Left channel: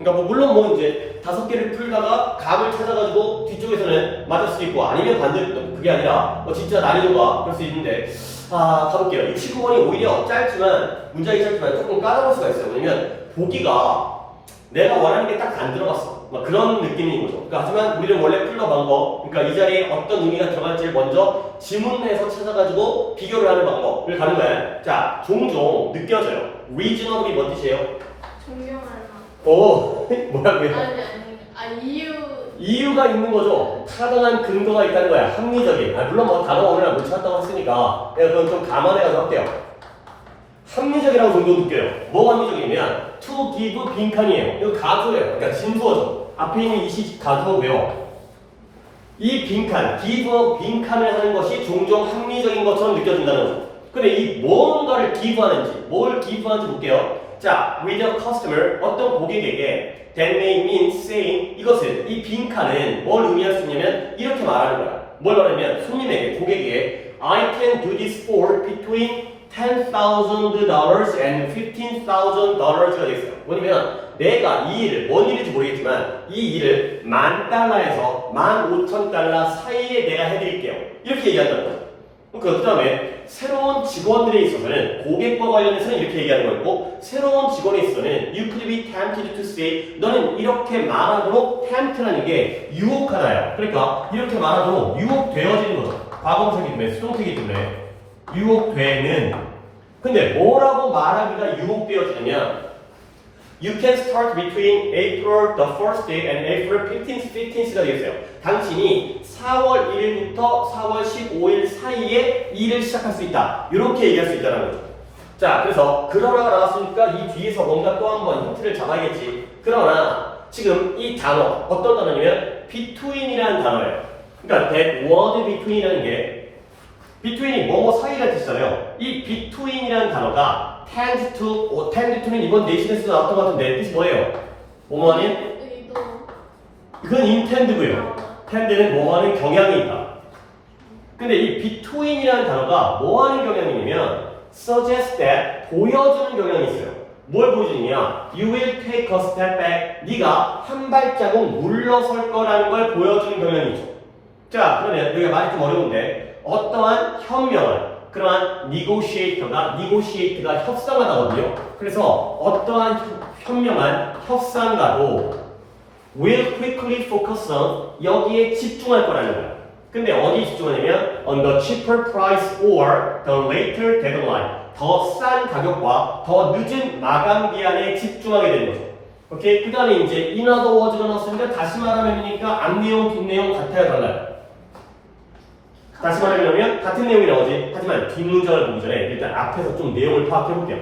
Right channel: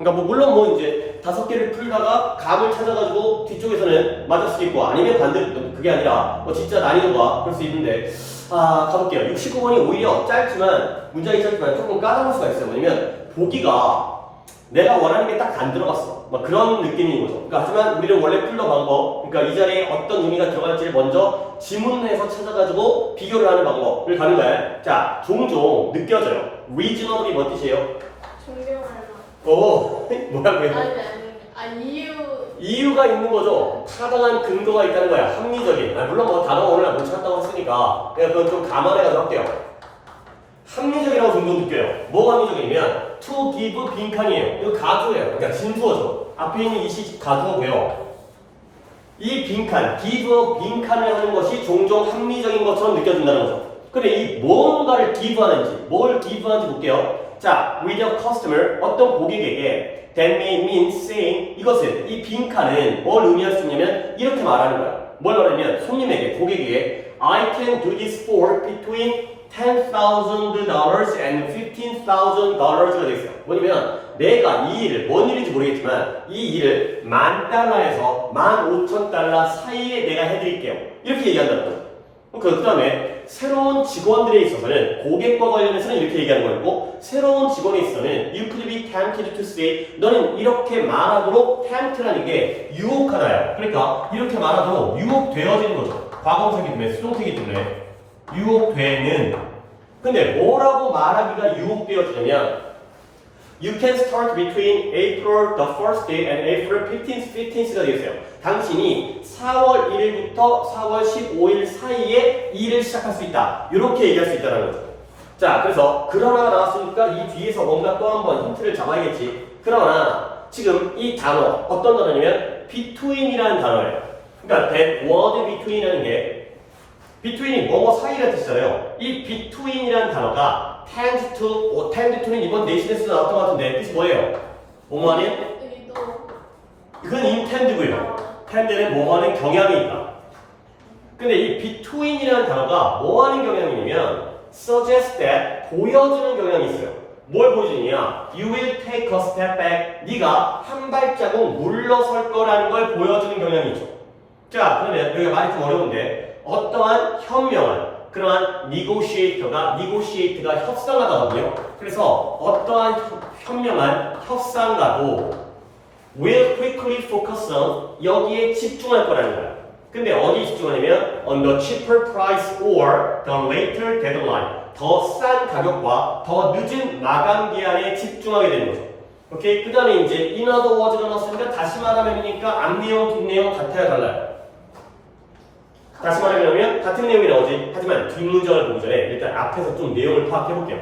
그러니까 뭐 물론 뭐 이제 5개를 풀다가 감을 찾아가지고 뒤쪽에서는 맞을 수도 있고 아니면 반대로 그게 아니라 뭐 진짜 난이도가 그럴 수 있는데 가볼게요. 65번이 오히려 짧지만 문제가 있었지만 조금 까다로울 수가 있어요. 왜냐면 보기가 내가 원하는 게 딱 안 들어갔어. 막 그런 느낌인 거죠. 그러니까 하지만 우리는 원래 풀던 방법, 그러니까 이 자리에 어떤 의미가 들어갈지를 먼저 질문해서 찾아가지고 비교를 하는 방법을 가는 거예요. 자, 종종 느껴져요. reasonably 뭐 뜻이에요? 존경하는. 오, 뭐라고요? 이유. 이유가 있는 거죠. 타당한 근거가 있다는 거야. 합리적인. 물론 뭐 단어가 오늘 못 찾았다고 했으니까 그건 좀 감안해가지고 할게요. 합리적이라고 정도 느껴요. 뭐가 합리적이냐면 to give 빈칸이에요. 이거 가주예요. 그러니까 진수어죠. 앞에 있는 이 시 가주어고요. 이 빈칸, give 빈칸을 하는 것이 종종 합리적인 것처럼 느껴진다는 거죠. 근데 이 뭔가를 give 하는지, 뭘 give 하는지 볼게요. 자, with a customer, 어떤 고객에게 that may mean saying 이것은, 이 빈칸은 뭘 의미할 수 있냐면 이렇게 말하는 거야. 뭘 말하냐면 손님에게, 고객에게 I can do this for between $10,000 and $15,000가 되겠어요. 뭐냐면 내가 이 일을, 뭔 일인지 모르겠지만 이 일을 $10,000에서 $15,000 사이에 내가 해드릴게요. 이렇게 얘기한다는 거죠. 그 다음에 새로운 직원들에 있어서는 고객과 관련해서는 이렇게 얘기하는 거고 새로운 직원에 있어서는 you could be tempted to say 너는 이렇게 말하도록 tempt라는 게 유혹하나요. 그러니까 이렇게 말하도록 유혹되어지는 거죠. 과거형이기 때문에 수동태이기 때문에 유혹되는. 근데 뭐라고 말하기가 유혹되어지냐면 You can start between April the 1st day and April 15th가 되겠어요. 당신이 4월 1일부터 4월 15일 사이에 일을 시작할 수 있다. 이렇게 얘기할 수 있다는 거죠. 자, 그래서 그러나 나왔으니까 이 뒤에서 뭔가 또 한 번 힌트를 잡아야겠지. 그러나 지금 이 단어 어떤 단어냐면 between이라는 단어예요. 그러니까 that word between이라는 게 between이 뭐뭐 사이라는 뜻이잖아요. 이 between이라는 단어가 tend to는 이번 네이션에서 나왔던 것 같은데 뜻이 뭐예요? 뭐뭐하는? 이건 intend고요. tend는 뭐뭐하는 경향이 있다. 근데 이 between이라는 단어가 뭐하는 경향이냐면 suggest that 보여주는 경향이 있어요. 뭘 보여주느냐? You will take a step back. 네가 한 발자국 물러설 거라는 걸 보여주는 경향이 있죠. 자, 그러면 여기가 말이 좀 어려운데 어떠한 현명한 그러한 negotiate가 협상하다거든요. 그래서 어떠한 현명한 협상가도 will quickly focus on 여기에 집중할 거라는 거야. 근데 어디에 집중하냐면 on the cheaper price or the later deadline. 더 싼 가격과 더 늦은 마감 기한에 집중하게 되는 거죠. 오케이? 그 다음에 이제 in other words가 나왔으니까 다시 말하면이니까 앞내용, 뒷내용 같아야 달라요. 다시 말하면 같은 내용이 나오지. 하지만 뒷문장을 보기 전에 일단 앞에서 좀 내용을 파악해 볼게요.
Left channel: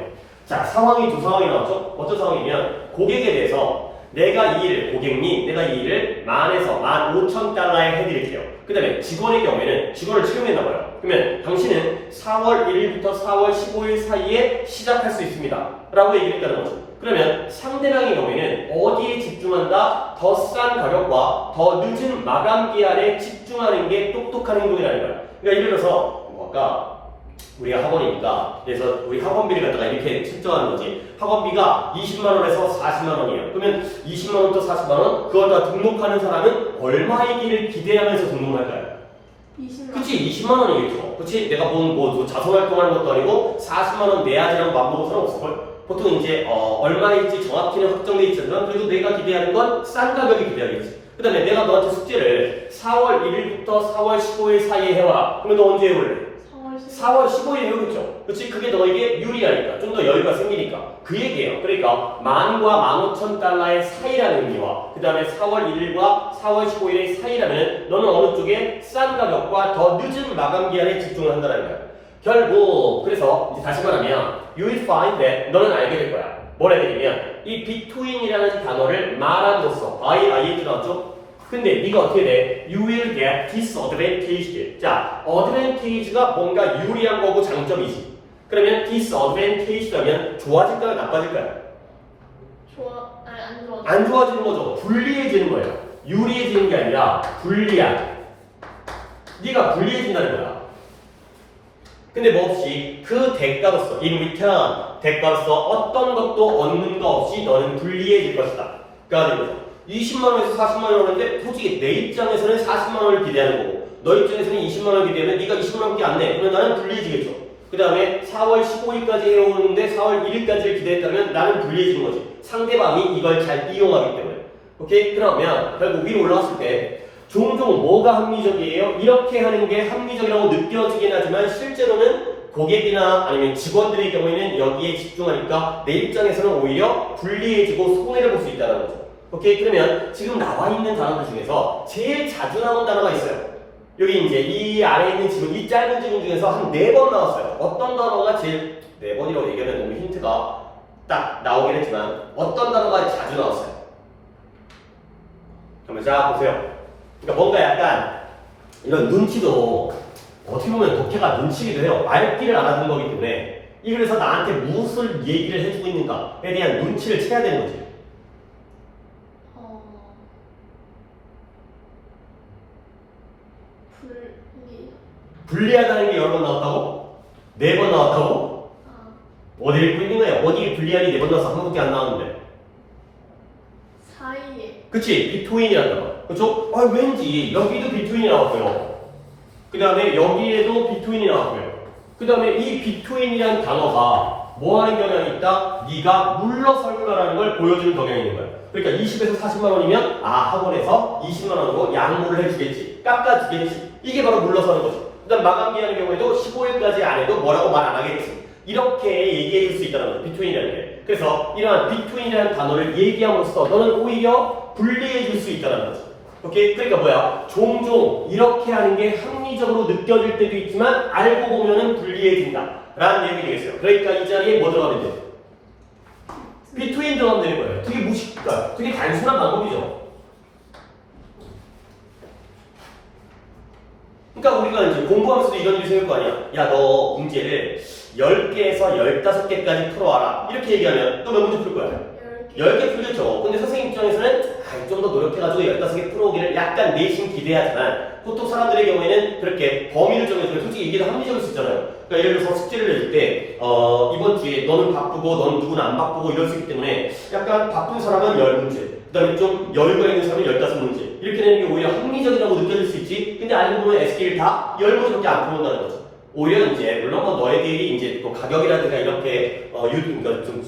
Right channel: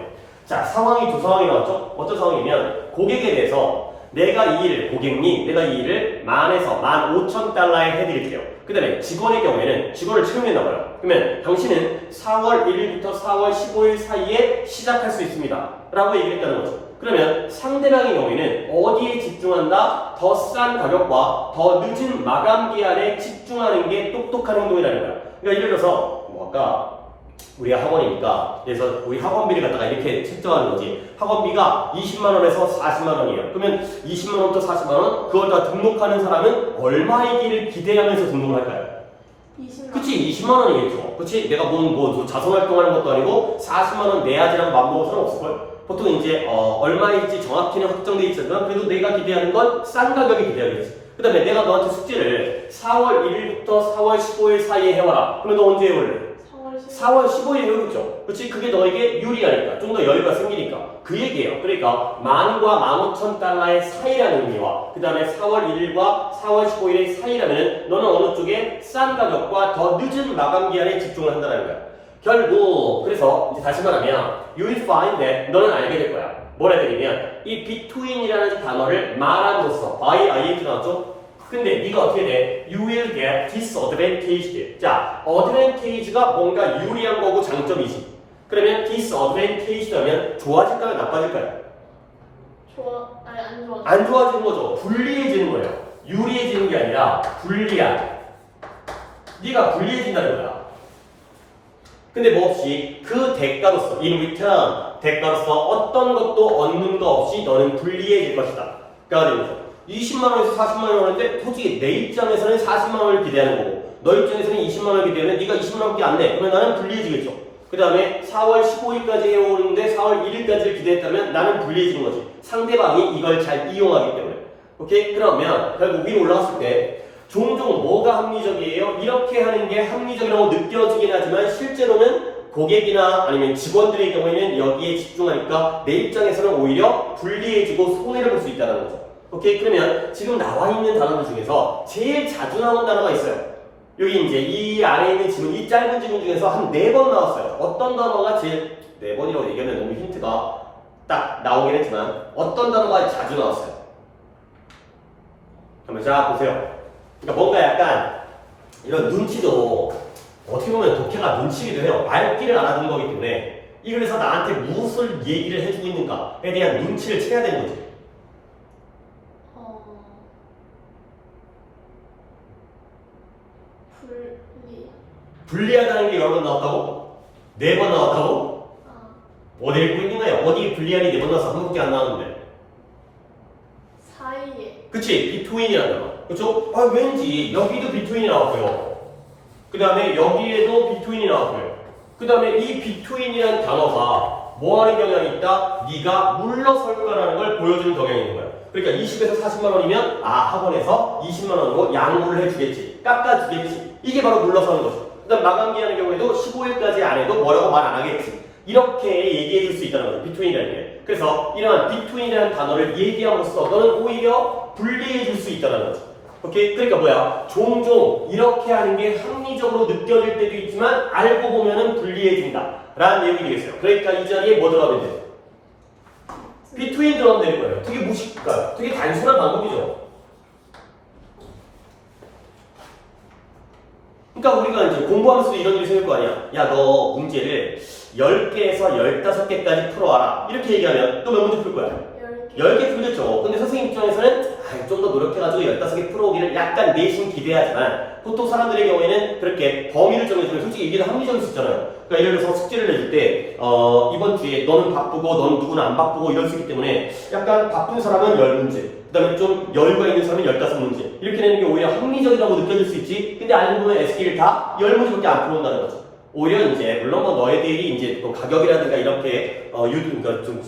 자, 상황이 두 상황이 나왔죠? 어떤 상황이냐면 고객에 대해서 내가 이 일을 10,000에서 15,000달러에 해드릴게요. 그 다음에 직원의 경우에는 직원을 채용했나 봐요. 그러면 당신은 4월 1일부터 4월 15일 사이에 시작할 수 있습니다. 라고 얘기했다는 거죠. 그러면 상대방의 경우에는 어디에 집중한다? 더 싼 가격과 더 늦은 마감 기한에 집중하는 게 똑똑한 행동이라는 거예요. 그러니까 예를 들어서 아까 우리가 학원이니까 그래서 우리 학원비를 갖다가 이렇게 측정하는 거지. 학원비가 20만 원에서 40만 원이에요. 그러면 20만 원부터 40만 원 그걸 다 등록하는 사람은 얼마이기를 기대하면서 등록을 할까요? 20만. 그치, 20만 원이겠죠. 그치, 내가 뭐 자선활동하는 것도 아니고 40만 원 내야지라는 맘먹을 수는 없을걸. 보통 이제 얼마일지 정확히는 확정돼 있지만 그래도 내가 기대하는 건 싼 가격이 기대하겠지. 그 다음에 내가 너한테 숙제를 4월 1일부터 4월 15일 사이에 해와라. 그러면 너 언제 해볼래? 4월 15일 해오겠죠. 그렇지? 그게 너에게 유리하니까 좀 더 여유가 생기니까 그 얘기예요. 그러니까 10,000과 15,000달러의 사이라는 의미와 그 다음에 4월 1일과 4월 15일의 사이라면 너는 어느 쪽에 싼 가격과 더 늦은 마감 기한에 집중을 한다는 거야. 결국 그래서 이제 다시 말하면 you will find that 너는 알게 될 거야. 뭘 알게 되냐면 이 between이라는 단어를 말함으로써 by ing 나왔죠? 근데 네가 어떻게 돼? You will get disadvantaged. 자, advantage가 뭔가 유리한 거고 장점이지. 그러면 disadvantaged라면 좋아질까요? 나빠질까요? 안 좋아. 안 좋아지는 거죠. 불리해지는 거예요. 유리해지는 게 아니라 불리한. 네가 불리해진다는 거야. 근데 뭐 없이 그 대가로서 in return 대가로서 어떤 것도 얻는 거 없이 너는 불리해질 것이다. 가 되는 거죠. 20만 원에서 40만 원 오는데 솔직히 내 입장에서는 40만 원을 기대하는 거고 너 입장에서는 20만 원을 기대하면 네가 20만 원밖에 안 내. 그러면 나는 불리해지겠죠. 그 다음에 4월 15일까지 해오는데 4월 1일까지를 기대했다면 나는 불리해지는 거지. 상대방이 이걸 잘 이용하기 때문에. 오케이? 그러면 결국 위로 올라갔을 때 종종 뭐가 합리적이에요? 이렇게 하는 게 합리적이라고 느껴지긴 하지만 실제로는 고객이나 아니면 직원들의 경우에는 여기에 집중하니까 내 입장에서는 오히려 불리해지고 손해를 볼 수 있다는 거죠. 오케이? 그러면 지금 나와 있는 단어들 중에서 제일 자주 나오는 단어가 있어요. 여기 이제 이 아래에 있는 지금 이 짧은 지문 중에서 한 4번 나왔어요. 어떤 단어가 제일 4번이라고 얘기하면 너무 힌트가 딱 나오긴 했지만 어떤 단어가 자주 나왔어요? 한번 자 보세요. 그러니까 뭔가 약간 이런 눈치도 어떻게 보면 독해가 눈치기도 해요. 말귀를 알아듣는 거기 때문에 이 그래서 나한테 무엇을 얘기를 해주고 있는가에 대한 눈치를 채야 되는 거지. 불리하다는 게 여러 번 나왔다고? 4번 나왔다고? 어디 읽고 있는 거야? 어디에 불리하니 4번 나와서 한 번밖에 안 나왔는데. 사이에. 그치? 비트윈이라는 거. 그쵸? 아, 왠지 여기도 비트윈이 나왔고요. 그 다음에 여기에도 비트윈이 나왔고요. 그 다음에 이 비트윈이라는 단어가 뭐 하는 경향이 있다? 네가 물러설까라는 걸 보여주는 경향이 있는 거야. 그러니까 20에서 40만 원이면 학원에서 20만 원으로 양보를 해주겠지. 깎아주겠지. 이게 바로 물러서는 거죠. 그 다음 마감기하는 경우에도 15일까지 안 해도 뭐라고 말 안 하겠지. 이렇게 얘기해 줄 수 있다는 거예요. 비트윈이라는 게. 그래서 이러한 비트윈이라는 단어를 얘기함으로써 너는 오히려 불리해 줄 수 있다는 거죠. 오케이? 그러니까 뭐야? 종종 이렇게 하는 게 합리적으로 느껴질 때도 있지만 알고 보면은 불리해진다. 라는 얘기 되겠어요. 그러니까 이 자리에 뭐 들어가면 돼요? 비트윈 들어가면 되는 거예요. 되게 무식할까요? 되게 단순한 방법이죠. 그러니까 우리가 이제 공부하면서도 이런 일이 생길 거 아니야. 야, 너 문제를 10개에서 15개까지 풀어와라. 이렇게 얘기하면 또 몇 문제 풀 거야? 10개 풀겠죠. 근데 선생님 입장에서는 좀 더 노력해가지고 15개 풀어오기를 약간 내심 기대하지만 보통 사람들의 경우에는 그렇게 범위를 정해주면 솔직히 이게 합리적일 수 있잖아요. 그러니까 예를 들어서 숙제를 내줄 때 이번 주에 너는 바쁘고 너는 누구는 안 바쁘고 이럴 수 있기 때문에 약간 바쁜 사람은 10문제 그 다음에 좀 여유가 있는 사람은 15문제 이렇게 되는 게 오히려 합리적이라고 느껴질 수 있지. 근데 알고 보면 SK를 다 10문제밖에 안 풀어온다는 거죠. 오히려 이제 물론 뭐 너희들이 이제 또 가격이라든가 이렇게 그러니까 좀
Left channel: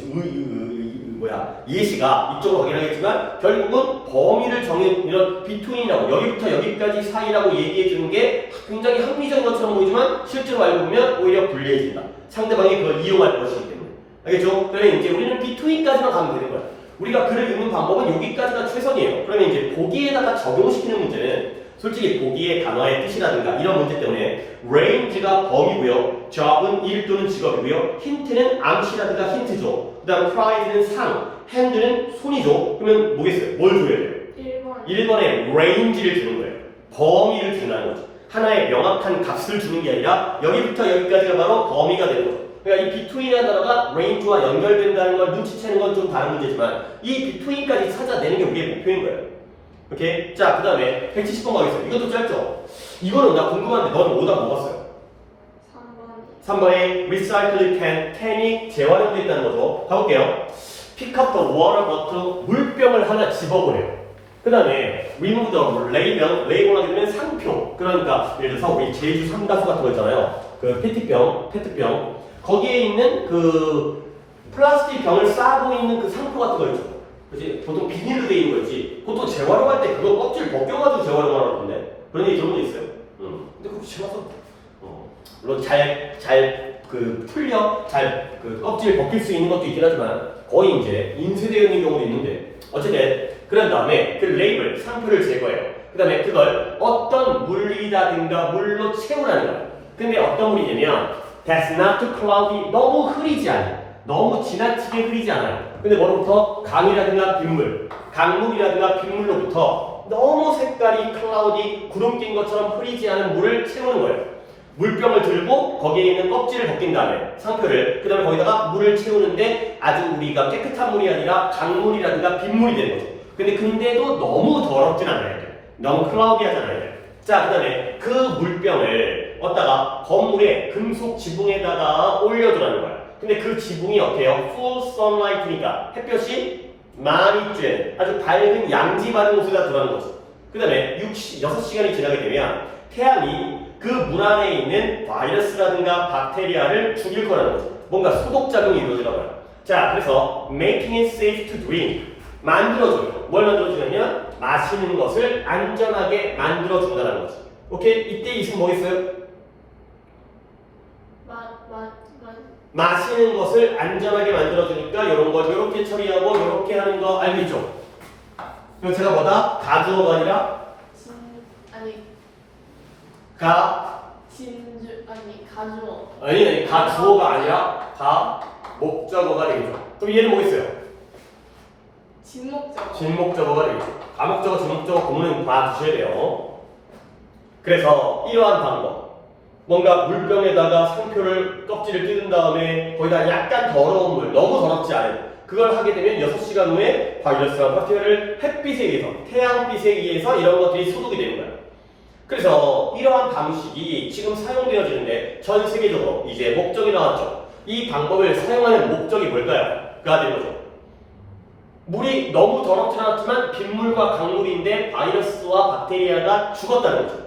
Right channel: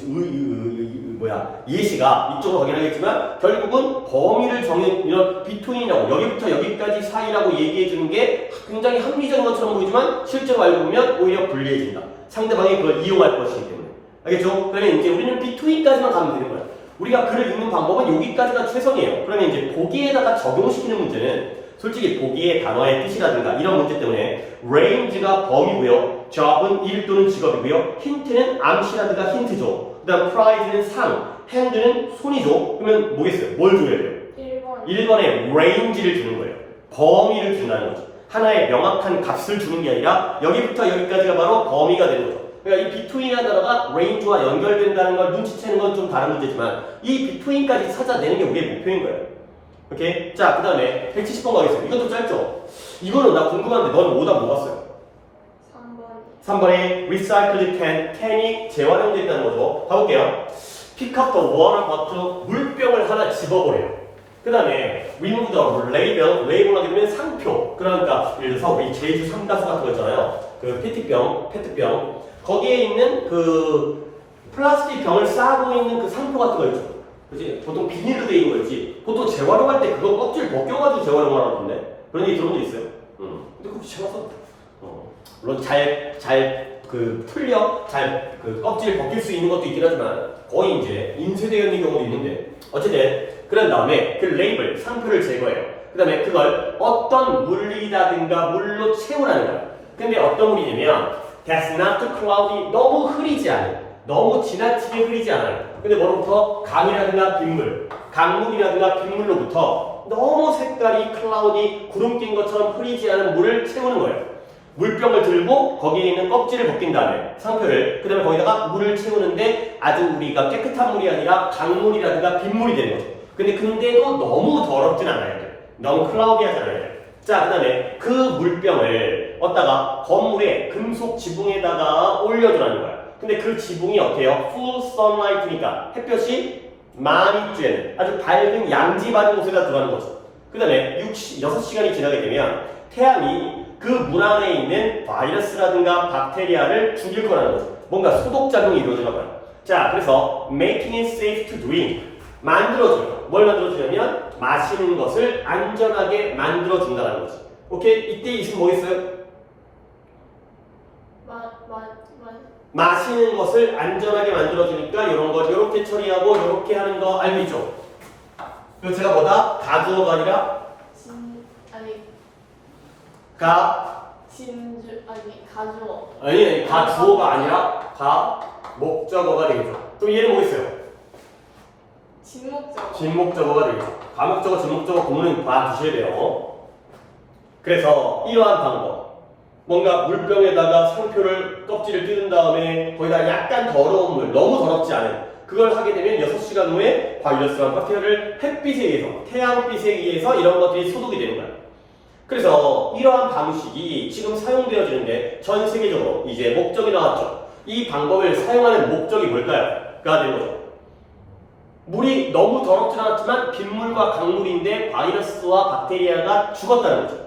예시가 이쪽으로 가긴 하겠지만 결국은 범위를 정해 이런 비트윈이라고 여기부터 여기까지 사이라고 얘기해 주는 게 굉장히 합리적인 것처럼 보이지만 실제로 알고 보면 오히려 불리해진다. 상대방이 그걸 이용할 것이기 때문에. 알겠죠? 그러면 이제 우리는 비트윈까지만 가면 되는 거야. 우리가 글을 읽는 방법은 여기까지가 최선이에요. 그러면 이제 보기에다가 적용시키는 문제는 솔직히 보기의 단어의 뜻이라든가 이런 문제 때문에 range가 범위고요. job은 일 또는 직업이고요. 힌트는 암시라든가 힌트죠. 그 다음 pride는 상, hand는 손이죠. 그러면 뭐겠어요? 뭘 줘야 돼요? 1번에 range를 주는 거예요. 범위를 준다는 거죠. 하나의 명확한 값을 주는 게 아니라 여기부터 여기까지가 바로 범위가 되는 거죠. 그러니까 이 비트윈이라는 단어가 range와 연결된다는 걸 눈치채는 건 좀 다른 문제지만 이 비트윈까지 찾아내는 게 우리의 목표인 거예요. 오케이? 자, 그 다음에 170번 가겠습니다. 이것도 짧죠? 이거는 나 궁금한데 너는 오답 뭐 봤어요? 3번에 recycled can이 재활용됐다는 거죠. 가볼게요. pick up the water bottle, 물병을 하나 집어보래요. 그 다음에 remove the label, label 하게 되면 상표. 그러니까 예를 들어서 우리 제주 삼다수 같은 거 있잖아요. 그 페트병. 거기에 있는 그 플라스틱 병을 싸고 있는 그 상표 같은 거 있죠. 그치? 보통 비닐로 돼 있는 거지. 보통 재활용할 때 그거 껍질 벗겨가지고 재활용하는 건데 그런 얘기 들은 적 있어요. 근데 그거 제가 물론 그 껍질을 벗길 수 있는 것도 있긴 하지만 거의 이제 인쇄되어 있는 경우도 있는데 어쨌든 그런 다음에 그 레이블 상표를 제거해요. 그 다음에 그걸 어떤 물이라든가 물로 채우라는 거야. 근데 어떤 물이냐면 that's not too cloudy, 너무 흐리지 않아요. 너무 지나치게 흐리지 않아요. 근데 뭐로부터 강이라든가 빗물, 강물이라든가 빗물로부터 너무 색깔이 클라우디 구름 낀 것처럼 흐리지 않은 물을 채우는 거예요. 물병을 들고 거기에 있는 껍질을 벗긴 다음에 상표를 그 다음에 거기다가 물을 채우는데 아주 우리가 깨끗한 물이 아니라 강물이라든가 빗물이 되는 거죠. 근데도 너무 더럽진 않아요. 너무 클라우디하잖아요. 자, 그 다음에 그 물병을 얻다가 건물에 금속 지붕에다가 올려두라는 거야. 근데 그 지붕이 어때요? full sunlight니까 햇볕이 많이 쬐는 아주 밝은 양지 반응 호수가 들어가는 거죠. 그 다음에 6시간이 지나게 되면 태양이 그 물 안에 있는 바이러스라든가 박테리아를 죽일 거라는 거죠. 뭔가 소독작용이 이루어지나봐요. 자, 그래서 making it safe to drink. 만들어줘요. 뭘 만들어주냐면 마시는 것을 안전하게 만들어준다는 거죠. 오케이? 이때 이승 뭐겠어요? 마시는 것을 안전하게 만들어주니까 이런 거 이렇게 처리하고 이렇게 하는 거 알겠죠? 그리고 제가 뭐다? 가주어가 아니라 가주어가 아니라 목적어가 되겠죠. 그럼 얘는 뭐겠어요? 진목적어가 되겠죠. 과목적어, 진목적어 공는 봐주셔야 돼요. 그래서 이러한 방법, 뭔가 물병에다가 상표를 껍질을 뜯은 다음에 거기다 약간 더러운 물, 너무 더럽지 않은 그걸 하게 되면 6시간 후에 바이러스와 박테리아를 햇빛에 의해서, 태양빛에 의해서 이런 것들이 소독이 되는 거예요. 그래서 이러한 방식이 지금 사용되어지는데 전 세계적으로 이제 목적이 나왔죠. 이 방법을 사용하는 목적이 뭘까요? 가 되는 거죠. 물이 너무 더럽지 않았지만 빗물과 강물인데 바이러스와 박테리아가 죽었다는 거죠.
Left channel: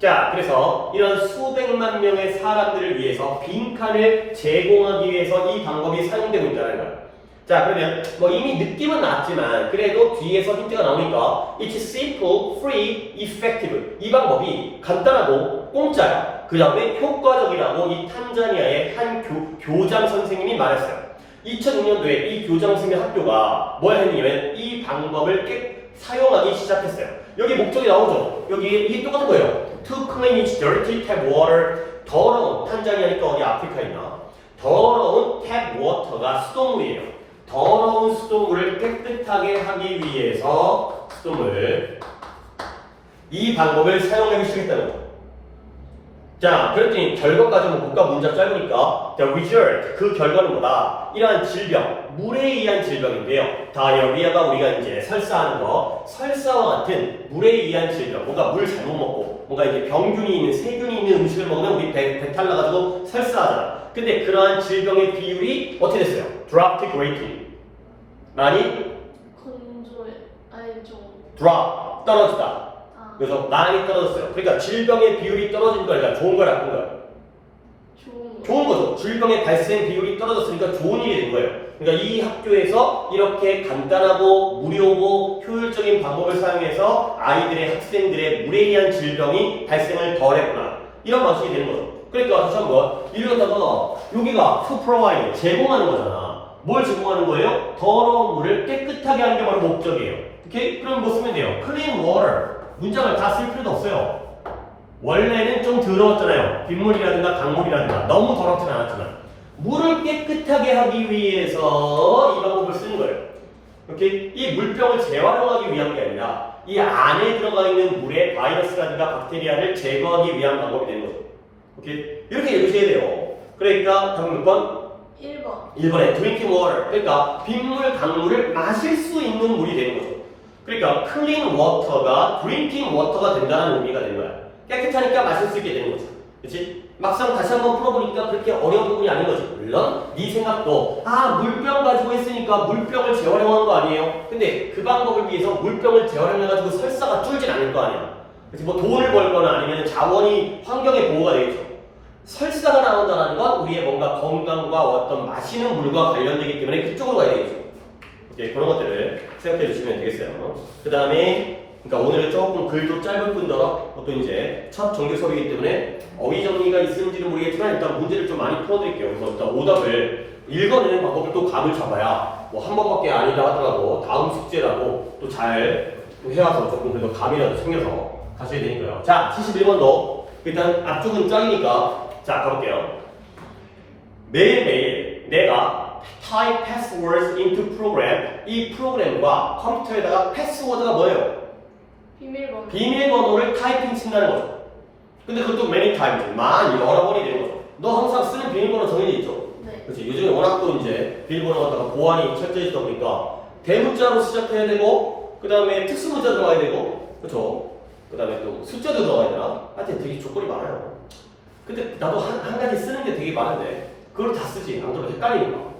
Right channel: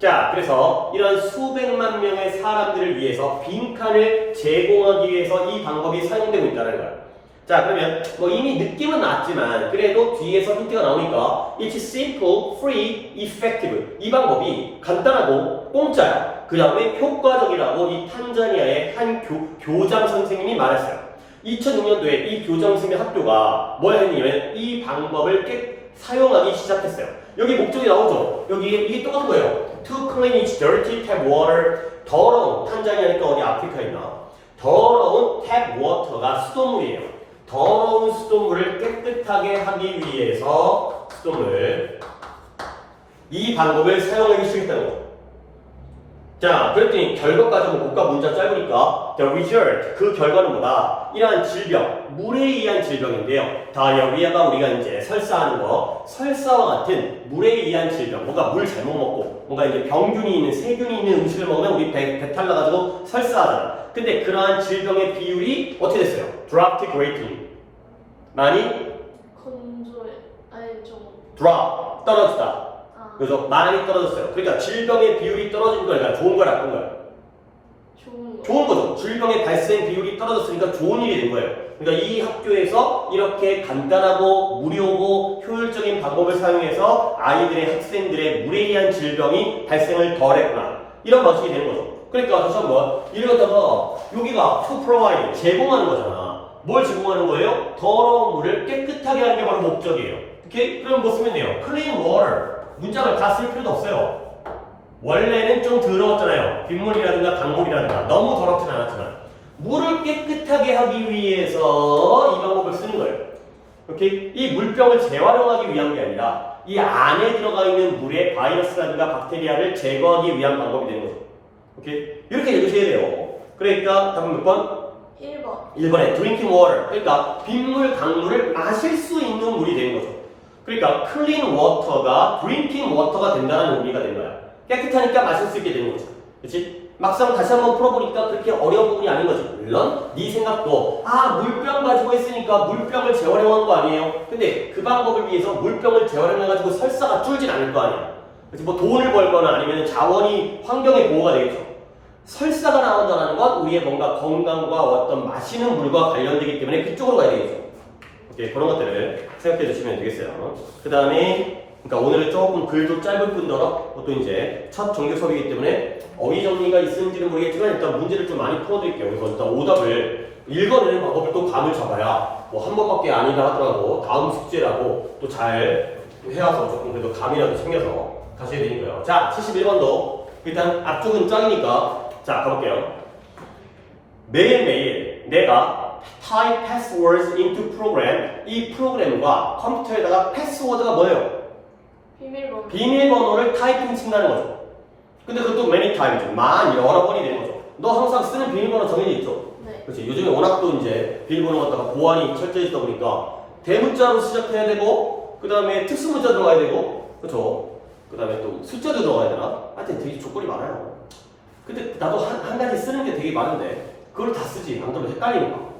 자, 그래서 이런 수백만 명의 사람들을 위해서 빈칸을 제공하기 위해서 이 방법이 사용되고 있다는 거예요. 자, 그러면 뭐 이미 느낌은 났지만 그래도 뒤에서 힌트가 나오니까 It's simple, free, effective. 이 방법이 간단하고 공짜야. 그 다음에 효과적이라고 이 탄자니아의 한 교장 선생님이 말했어요. 2006년도에 이 교장 선생님 학교가 뭘 했냐면 이 방법을 사용하기 시작했어요. 여기 목적이 나오죠? 여기 이게 똑같은 거예요. To clean its dirty tap water. 더러운, 탄자니아니까 어디 아프리카에 있나? 더러운 탭 워터가 수돗물이에요. 더러운 수돗물을 깨끗하게 하기 위해서 이 방법을 사용하기 시작했다는 거. 자, 그랬더니 결과까지 하면 국가 문자 짧으니까 the result, 그 결과는 뭐다? 이러한 질병, 물에 의한 질병인데요. 다이어리아가 우리가 이제 설사하는 거, 설사와 같은 물에 의한 질병, 뭔가 물 잘못 먹고 뭔가 이제 병균이 있는, 세균이 있는 음식을 먹으면 우리 배탈 나가지고 설사하잖아. 근데 그러한 질병의 비율이 어떻게 됐어요? dropped greatly. 많이? drop, 떨어졌다. 그래서 많이 떨어졌어요. 그러니까 질병의 비율이 떨어진 거니까 좋은 거야, 나쁜 거야? 좋은 거죠. 질병의 발생 비율이 떨어졌으니까 좋은 일이 된 거예요. 그러니까 이 학교에서 이렇게 간단하고 무료고 효율적인 방법을 사용해서 아이들의 학생들의 물에 의한 질병이 발생을 덜했구나. 이런 방식이 되는 거죠. 그러니까 다시 한번 이를 갖다가 여기가 to provide, 제공하는 거잖아. 뭘 제공하는 거예요? 더러운 물을 깨끗하게 하는 게 바로 목적이에요. 오케이? 그럼 뭐 쓰면 돼요? clean water. 문장을 다 쓸 필요도 없어요. 원래는 좀 더러웠잖아요. 빗물이라든가 강물이라든가 너무 더럽진 않았지만 물을 깨끗하게 하기 위해서 이 방법을 쓰는 거예요. 오케이? 이 물병을 재활용하기 위한 게 아니라 이 안에 들어가 있는 물에 바이러스라든가 박테리아를 제거하기 위한 방법이 되는 거죠. 오케이? 이렇게 읽으셔야 돼요. 그러니까 답은 몇 번? 1번에 drinking water. 그러니까 빗물, 강물을 마실 수 있는 물이 되는 거죠. 그러니까 clean water가 drinking water가 된다는 의미가 된 거야. 깨끗하니까 마실 수 있게 되는 거지. 그렇지? 막상 다시 한번 풀어보니까 그렇게 어려운 부분이 아닌 거지. 물론 네 생각도 물병 가지고 했으니까 물병을 재활용한 거 아니에요? 근데 그 방법을 위해서 물병을 재활용해가지고 설사가 쫄진 않을 거 아니야. 그렇지? 뭐 돈을 벌거나 아니면 자원이 환경의 보호가 되겠죠. 설사가 나온다는 건 우리의 뭔가 건강과 어떤 마시는 물과 관련되기 때문에 그쪽으로 가야 되겠죠. 이렇게 그런 것들을 생각해 주시면 되겠어요. 그 다음에, 그러니까 오늘은 조금 글도 짧을 뿐더러 또 이제 첫 정규 수업이기 때문에 어휘 정리가 있는지는 모르겠지만 일단 문제를 좀 많이 풀어드릴게요. 그래서 일단 오답을 읽어내는 방법을 또 감을 잡아야 뭐 한 번밖에 아니다 하더라도 다음 숙제라도 또 잘 해와서 조금 그래도 감이라도 챙겨서 가셔야 되니까요. 자, 71번도 일단 앞쪽은 짱이니까 자, 가볼게요. 매일매일 내가 type passwords into program, 이 프로그램과 컴퓨터에다가 패스워드가 뭐예요? 비밀번호를 타이핑 친다는 거죠. 근데 그것도 many times, 여러 번이 되는 거죠. 너 항상 쓰는 비밀번호 정해져 있죠? 네. 그렇지. 요즘에 워낙 또 이제 비밀번호 갖다가 보안이 철저해지다 보니까 대문자로 시작해야 되고, 그 다음에 특수문자 들어가야 되고, 그렇죠. 그 다음에 또 숫자도 들어가야 되나? 하여튼 되게 조건이 많아요. 근데 나도 한 가지 쓰는 게 되게 많은데 그걸 다 쓰지. 안 그러면 헷갈리니까.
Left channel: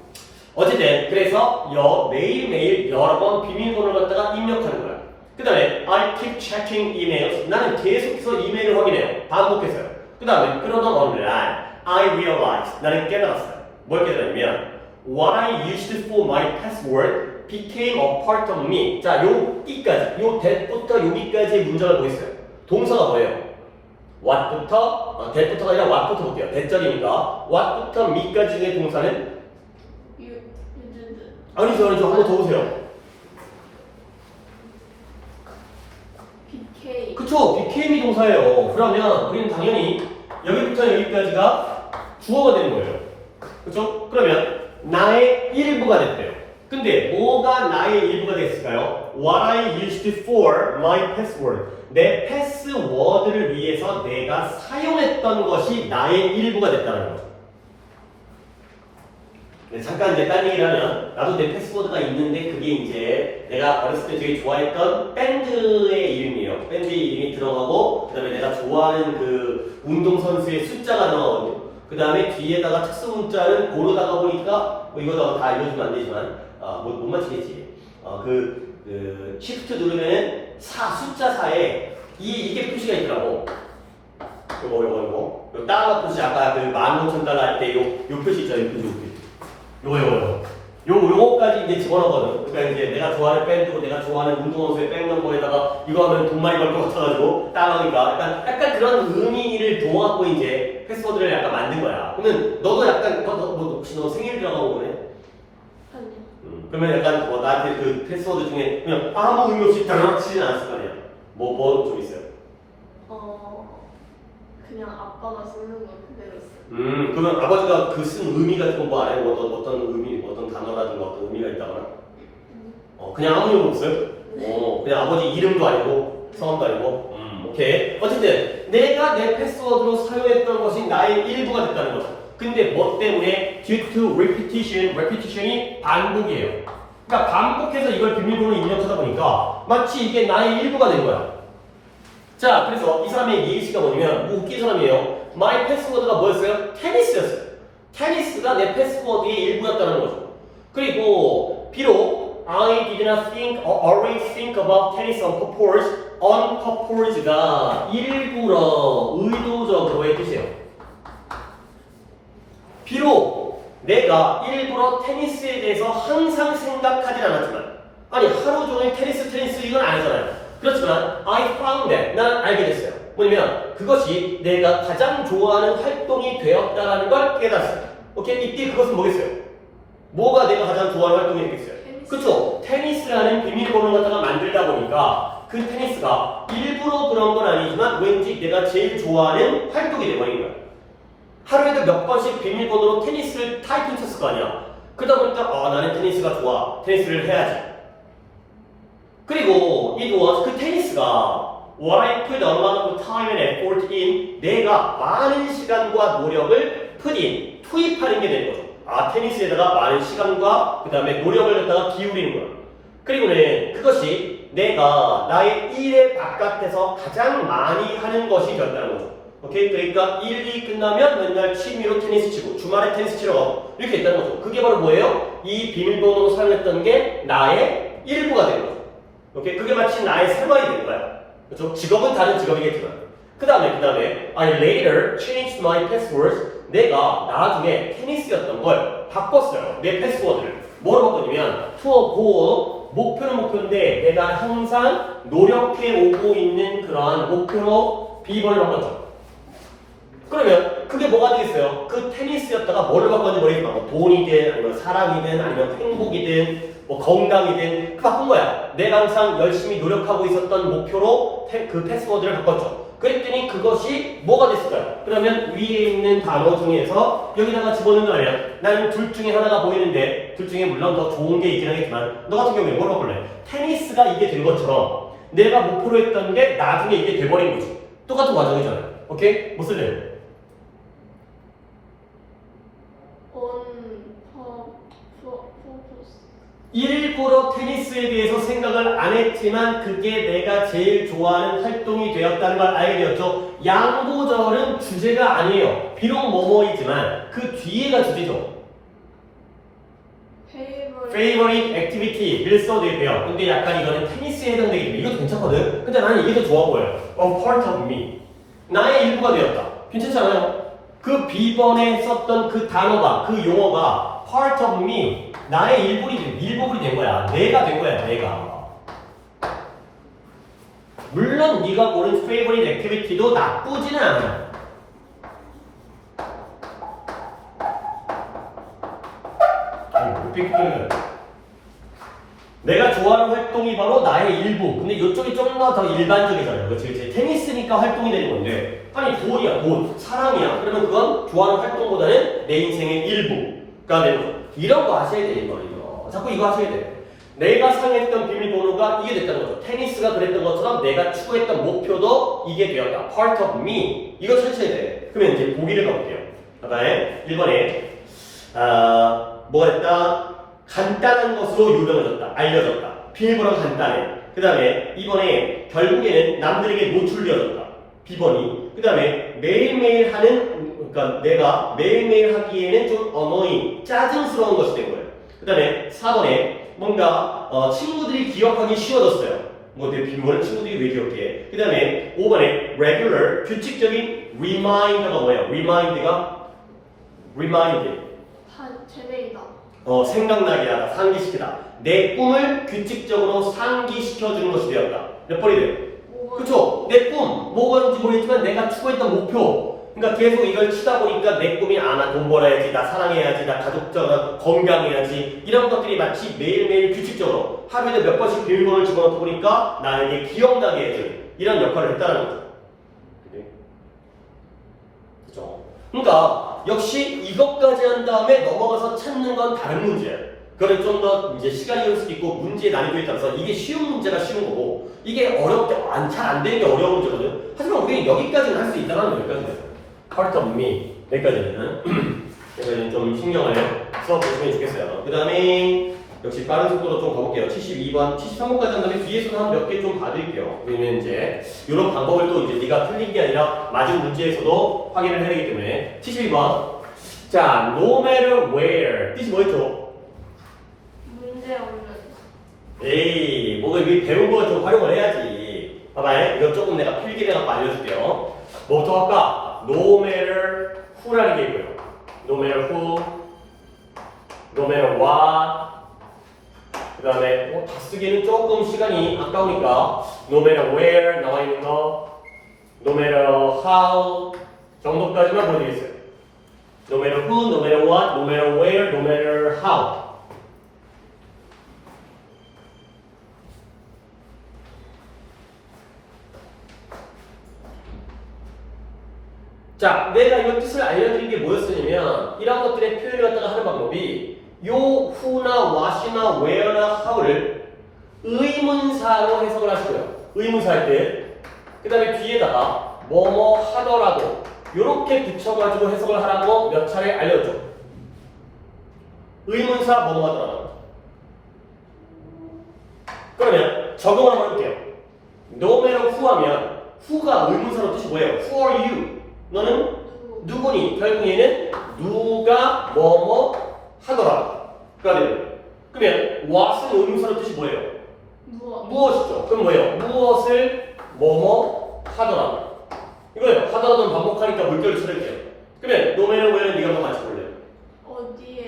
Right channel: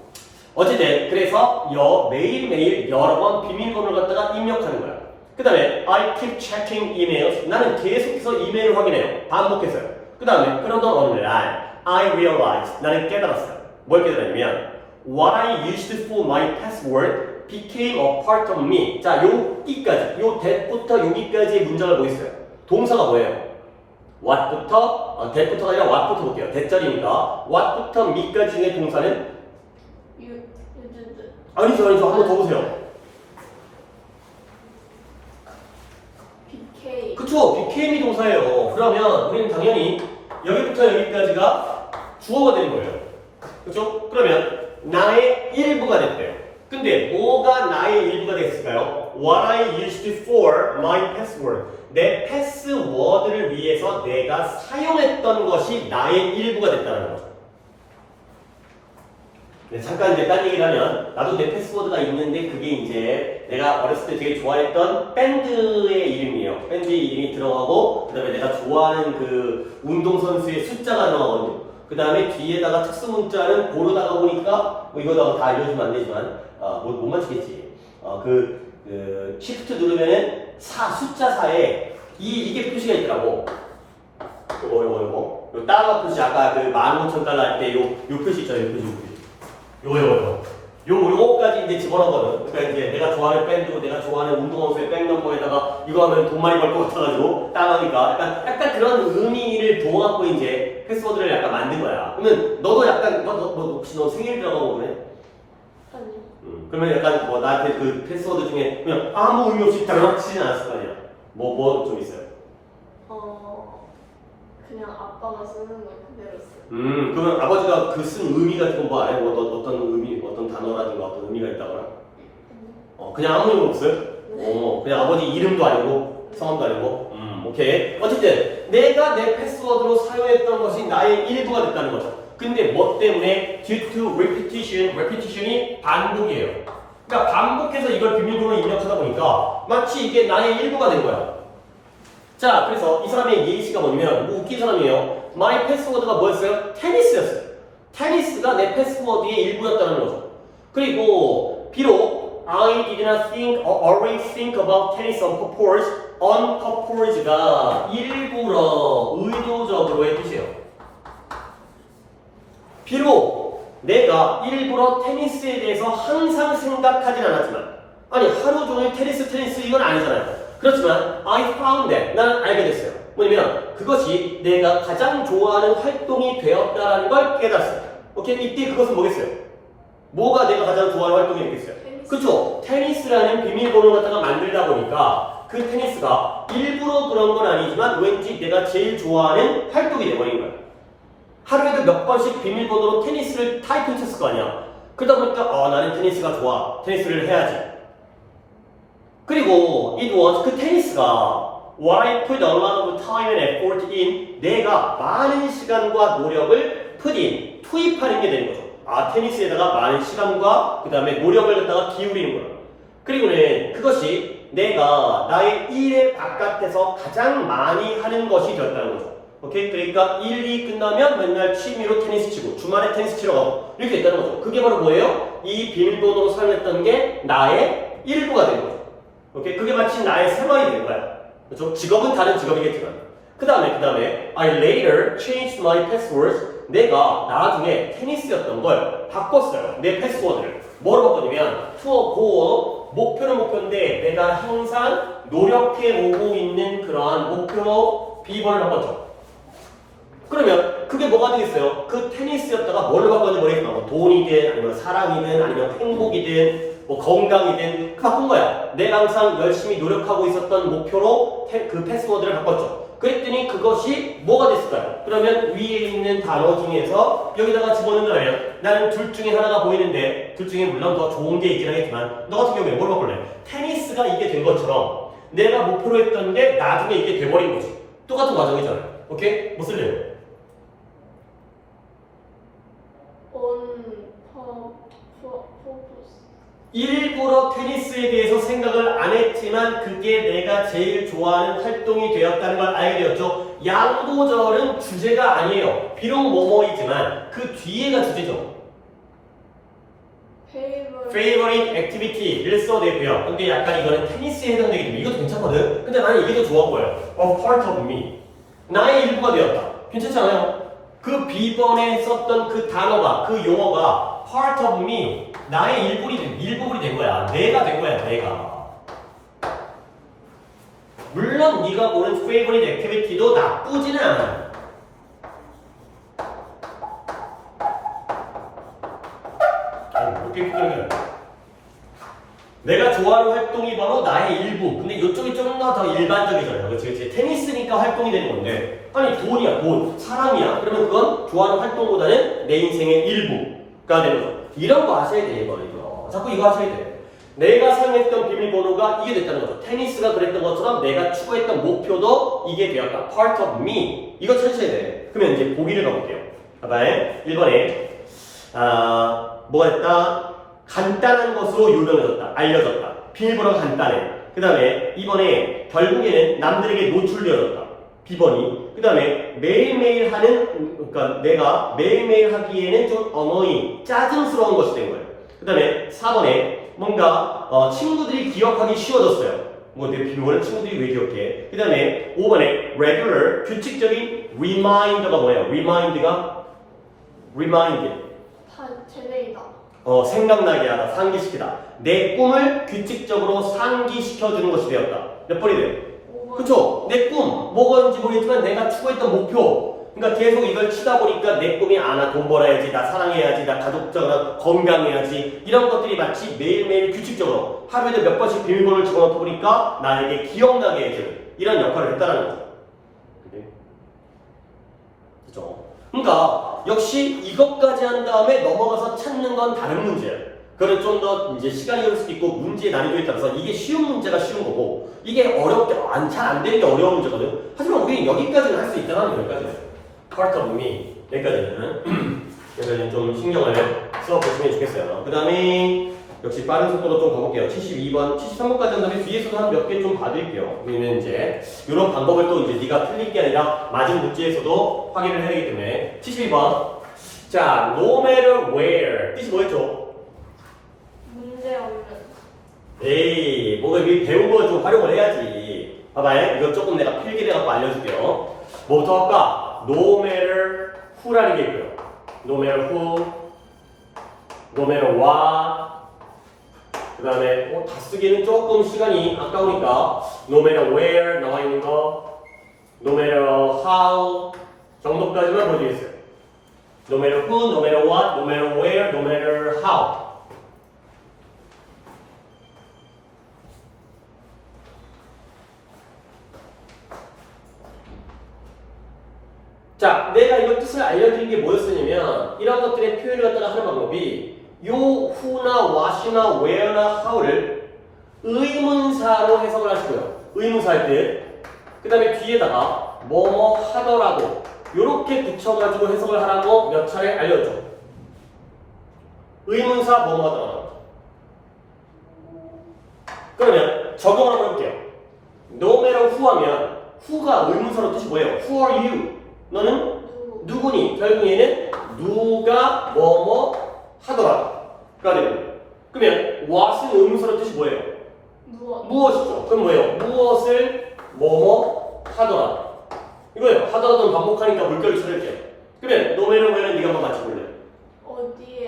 어쨌든 그래서 매일매일 여러 번 비밀번호를 갖다가 입력하는 거야. 그 다음에 I keep checking emails. 나는 계속해서 이메일을 확인해요. 반복해서요. 그 다음에 그러던 어느 날 I realized. 나는 깨달았어요. 뭘 깨달았냐면 What I used for my password became a part of me. 자, 여기까지, 요 that부터 여기까지의 문장을 보겠어요. 동사가 뭐예요? what부터, that부터가 아니라 what부터 볼게요. that절이니까 what부터 me까지의 동사는 아니죠. 한 번 더 보세요. BK. 그쵸? became이 동사예요. 그러면 우리는 당연히 여기부터 여기까지가 주어가 되는 거예요. 그쵸? 그러면 나의 일부가 됐대요. 근데 뭐가 나의 일부가 되겠을까요? What I used for my password. 내 패스워드를 위해서 내가 사용했던 것이 나의 일부가 됐다는 거죠. 네, 잠깐 이제 딴 얘기를 하면 나도 내 패스워드가 있는데 그게 이제 내가 어렸을 때 되게 좋아했던 밴드의 이름이에요. 밴드 이름이 들어가고 그 다음에 내가 좋아하는 그 운동선수의 숫자가 들어가거든요. 그 다음에 뒤에다가 특수 문자를 고르다가 보니까 뭐 이거다가 다 알려주면 안 되지만 못 맞히겠지. Shift 누르면은 숫자 4에 이게 표시가 있더라고. 요거 따라가 표시 아까 그 15,000달러 할 때 요 표시 있죠. 요 표시. 요거까지 이제 집어넣거든. 그러니까 이제 내가 좋아하는 밴드고 내가 좋아하는 운동선수의 백넘버에다가 이거 하면 돈 많이 벌 것 같아가지고 따라하니까 약간 그런 의미를 부어갖고 이제 패스워드를 약간 만든 거야. 그러면 너도 약간 너 생일 들어가고 그러네? 그러면 약간 뭐 나한테 그 패스워드 중에 그냥 아무 의미 없이 들어치진 않았을 거 아니야. 뭐 좀 있어요? 그냥 아빠가 쓰는 거 그대로 써. 그러면 아버지가 그 쓴 의미 같은 거 뭐 알아요? 어떤 의미, 어떤 단어라든가 어떤 의미가 있다거나? 그냥 아무 의미 없어요? 네. 그냥 아버지 이름도 아니고 성함도 아니고? 오케이. 어쨌든 내가 내 패스워드로 사용했던 것이 나의 일부가 됐다는 거죠. 근데 뭐 때문에? Due to repetition, repetition이 반복이에요. 그러니까 반복해서 이걸 비밀번호로 입력하다 보니까 마치 이게 나의 일부가 된 거야. 자, 그래서 이 사람의 예시가 뭐냐면 뭐 웃긴 사람이에요. My 패스워드가 뭐였어요? 테니스였어요. 테니스가 내 패스워드의 일부였다는 거죠. 그리고 비록 I did not think or always think about tennis on purpose가 일부러 의도적으로의 뜻이에요. 비록 내가 일부러 테니스에 대해서 항상 생각하진 않았지만 아니 하루 종일 테니스 이건 아니잖아요. 그렇지만 I found that 나는 알게 됐어요. 뭐냐면 그것이 내가 가장 좋아하는 활동이 되었다라는 걸 깨달았어요. 오케이? 이때 그것은 뭐겠어요? 뭐가 내가 가장 좋아하는 활동이 되겠어요? 그렇죠? 테니스라는 비밀번호 갖다가 만들다 보니까 그 테니스가 일부러 그런 건 아니지만 왠지 내가 제일 좋아하는 활동이 되버린 거야. 하루에도 몇 번씩 비밀번호로 테니스를 타이핑 쳤을 거 아니야. 그러다 보니까 나는 테니스가 좋아. 테니스를 해야지. 그리고 it was 그 테니스가 what I put a lot of time and effort in 내가 많은 시간과 노력을 put in 투입하는 게 되는 거죠. 테니스에다가 많은 시간과 그 다음에 노력을 갖다가 기울이는 거예요. 그리고는 그것이 내가 나의 일의 바깥에서 가장 많이 하는 것이 되었다는 거죠. 오케이? 그러니까 일이 끝나면 맨날 취미로 테니스 치고 주말에 테니스 치러 가고 이렇게 됐다는 거죠. 그게 바로 뭐예요? 이 비밀번호로 사용했던 게 나의 일부가 되는 거죠. 오케이? 그게 마치 나의 생활이 되는 거야. 그렇죠? 직업은 다른 직업이겠지만. 그 다음에 I later changed my passwords. 내가 나중에 테니스였던 걸 바꿨어요. 내 패스워드를. 뭐로 바꿨냐면 to a goal. 목표인데 내가 항상 노력해 오고 있는 그러한 목표로 비번을 바꿨죠. 그러면 그게 뭐가 되겠어요? 그 테니스였다가 뭘로 바꿨는지 모르겠지만 뭐 돈이든 아니면 사랑이든 아니면 행복이든 뭐 건강이든 바꾼 거야. 내가 항상 열심히 노력하고 있었던 목표로 그 패스워드를 바꿨죠. 그랬더니 그것이 뭐가 됐을까요? 그러면 위에 있는 단어 중에서 여기다가 집어넣으면 나는 둘 중에 하나가 보이는데 둘 중에 물론 더 좋은 게 있긴 하겠지만 너 같은 경우에 뭘 바꿀래? 테니스가 이게 된 것처럼 내가 목표로 했던 게 나중에 이게 돼버린 거지. 똑같은 과정이잖아요. 오케이? 뭐 쓸래요? 일부러 테니스에 대해서 생각을 안 했지만 그게 내가 제일 좋아하는 활동이 되었다는 걸 알게 되었죠. 양보절은 주제가 아니에요. 비록 뭐뭐이지만 그 뒤에가 주제죠. favorite activity를 써도 되고요. 근데 약간 이거는 테니스에 해당되기 때문에 이것도 괜찮거든. 근데 나는 이게 더 좋아 보여. part of me. 나의 일부가 되었다. 괜찮지 않아요? 그 B번에 썼던 그 단어가, 그 용어가 part of me, 나의 일부분이 된 거야. 내가 된 거야, 내가. 물론 네가 보는 favorite activity도 나쁘지는 않아. 내가 좋아하는 활동이 바로 나의 일부. 근데 이쪽이 좀 더 일반적이잖아요. 그치? 테니스니까 활동이 되는 건데, 아니 돈이야, 돈, 사랑이야. 그러면 그건 좋아하는 활동보다는 내 인생의 일부가 되는 거죠. 이런 거 하셔야 돼, 이거. 자꾸 이거 하셔야 돼. 내가 사용했던 비밀번호가 이게 됐다는 거죠. 테니스가 그랬던 것처럼 내가 추구했던 목표도 이게 되었다. part of me. 이거 찾으셔야 돼. 그러면 이제 보기를 가볼게요. 봐봐요. 1번에 뭐가 됐다? 간단한 것으로 유명해졌다. 알려졌다. 비밀번호가 간단해. 그 다음에 2번에 결국에는 남들에게 노출되어졌다. B번이. 그 다음에 매일매일 하는, 그러니까 내가 매일매일 하기에는 좀 annoying, 짜증스러운 것이 된 거예요. 그 다음에 4번에 뭔가 친구들이 기억하기 쉬워졌어요. 뭐 내 비밀번호 친구들이 왜 기억해? 그 다음에 5번에 regular, 규칙적인 reminder가 뭐예요? remind가 remind. 재능이다. 생각나게 하다, 상기시키다. 내 꿈을 규칙적으로 상기시켜주는 것이 되었다. 몇 번이 돼요? 그쵸? 내 꿈, 뭐건지 모르겠지만 내가 추구했던 목표. 그러니까 계속 이걸 치다 보니까 내 꿈이 나 돈 벌어야지, 나 사랑해야지, 나 가족적으로 건강해야지. 이런 것들이 마치 매일매일 규칙적으로 하루에도 몇 번씩 비밀번호를 집어넣다 보니까 나에게 기억나게 해주는 이런 역할을 했다는 거죠. 그죠? 그러니까 역시 이것까지 한 다음에 넘어가서 찾는 건 다른 문제예요. 그거는 좀 더 이제 시간이 걸릴 수도 있고 문제의 난이도에 따라서 이게 쉬운 문제가 쉬운 거고 이게 어렵게 잘 안 되는 게 어려운 문제거든. 하지만 우리는 여기까지는 할 수 있다는 여기까지는 part of me 여기까지는 그래서 좀 신경을 써 보시면 좋겠어요. 그 다음에 역시 빠른 속도로 좀 가볼게요. 72번, 73번까지 한 다음에 뒤에서도 한 몇 개 좀 봐드릴게요. 왜냐면 이제 이런 방법을 또 이제 네가 틀린 게 아니라 맞은 문제에서도 확인을 해야 되기 때문에 72번. 자, no matter where 뜻이 뭐였죠? 문제 없는. 에이, 뭐가 이 배운 거 좀 활용을 해야지. 봐봐요. 이건 조금 내가 필기해갖고 알려줄게요. 뭐부터 할까? No matter who라는 게 있고요. No matter who, no matter what. 그 다음에 다 쓰기는 조금 시간이 아까우니까 no matter where 나와 있는 거 no matter how 정도까지만 보여드리겠어요. no matter who, no matter what, no matter where, no matter how. 자, 내가 이 뜻을 알려드린 게 뭐였었냐면 이런 것들의 표현을 갖다가 하는 방법이 요 who나 what이나 where나 how를 의문사로 해석을 하시고요. 의문사일 때 그 다음에 뒤에다가 뭐뭐 하더라도 요렇게 붙여가지고 해석을 하라고 몇 차례 알려줘. 의문사 뭐뭐 하더라도. 그러면 적용 한번 해볼게요. No matter who 하면 who가 의문사로 뜻이 뭐예요? Who are you? 너는 누구니? 결국에는 누가 뭐뭐 하더라도. 그러면 what은 의문사로 뜻이 뭐예요? 무엇이죠? 그럼 뭐예요? 무엇을 뭐뭐 하더라도. 이거예요. 하더라도 반복하니까 물결을 쳐낼게요. 그러면 no matter where는 네가 한번 같이 볼래?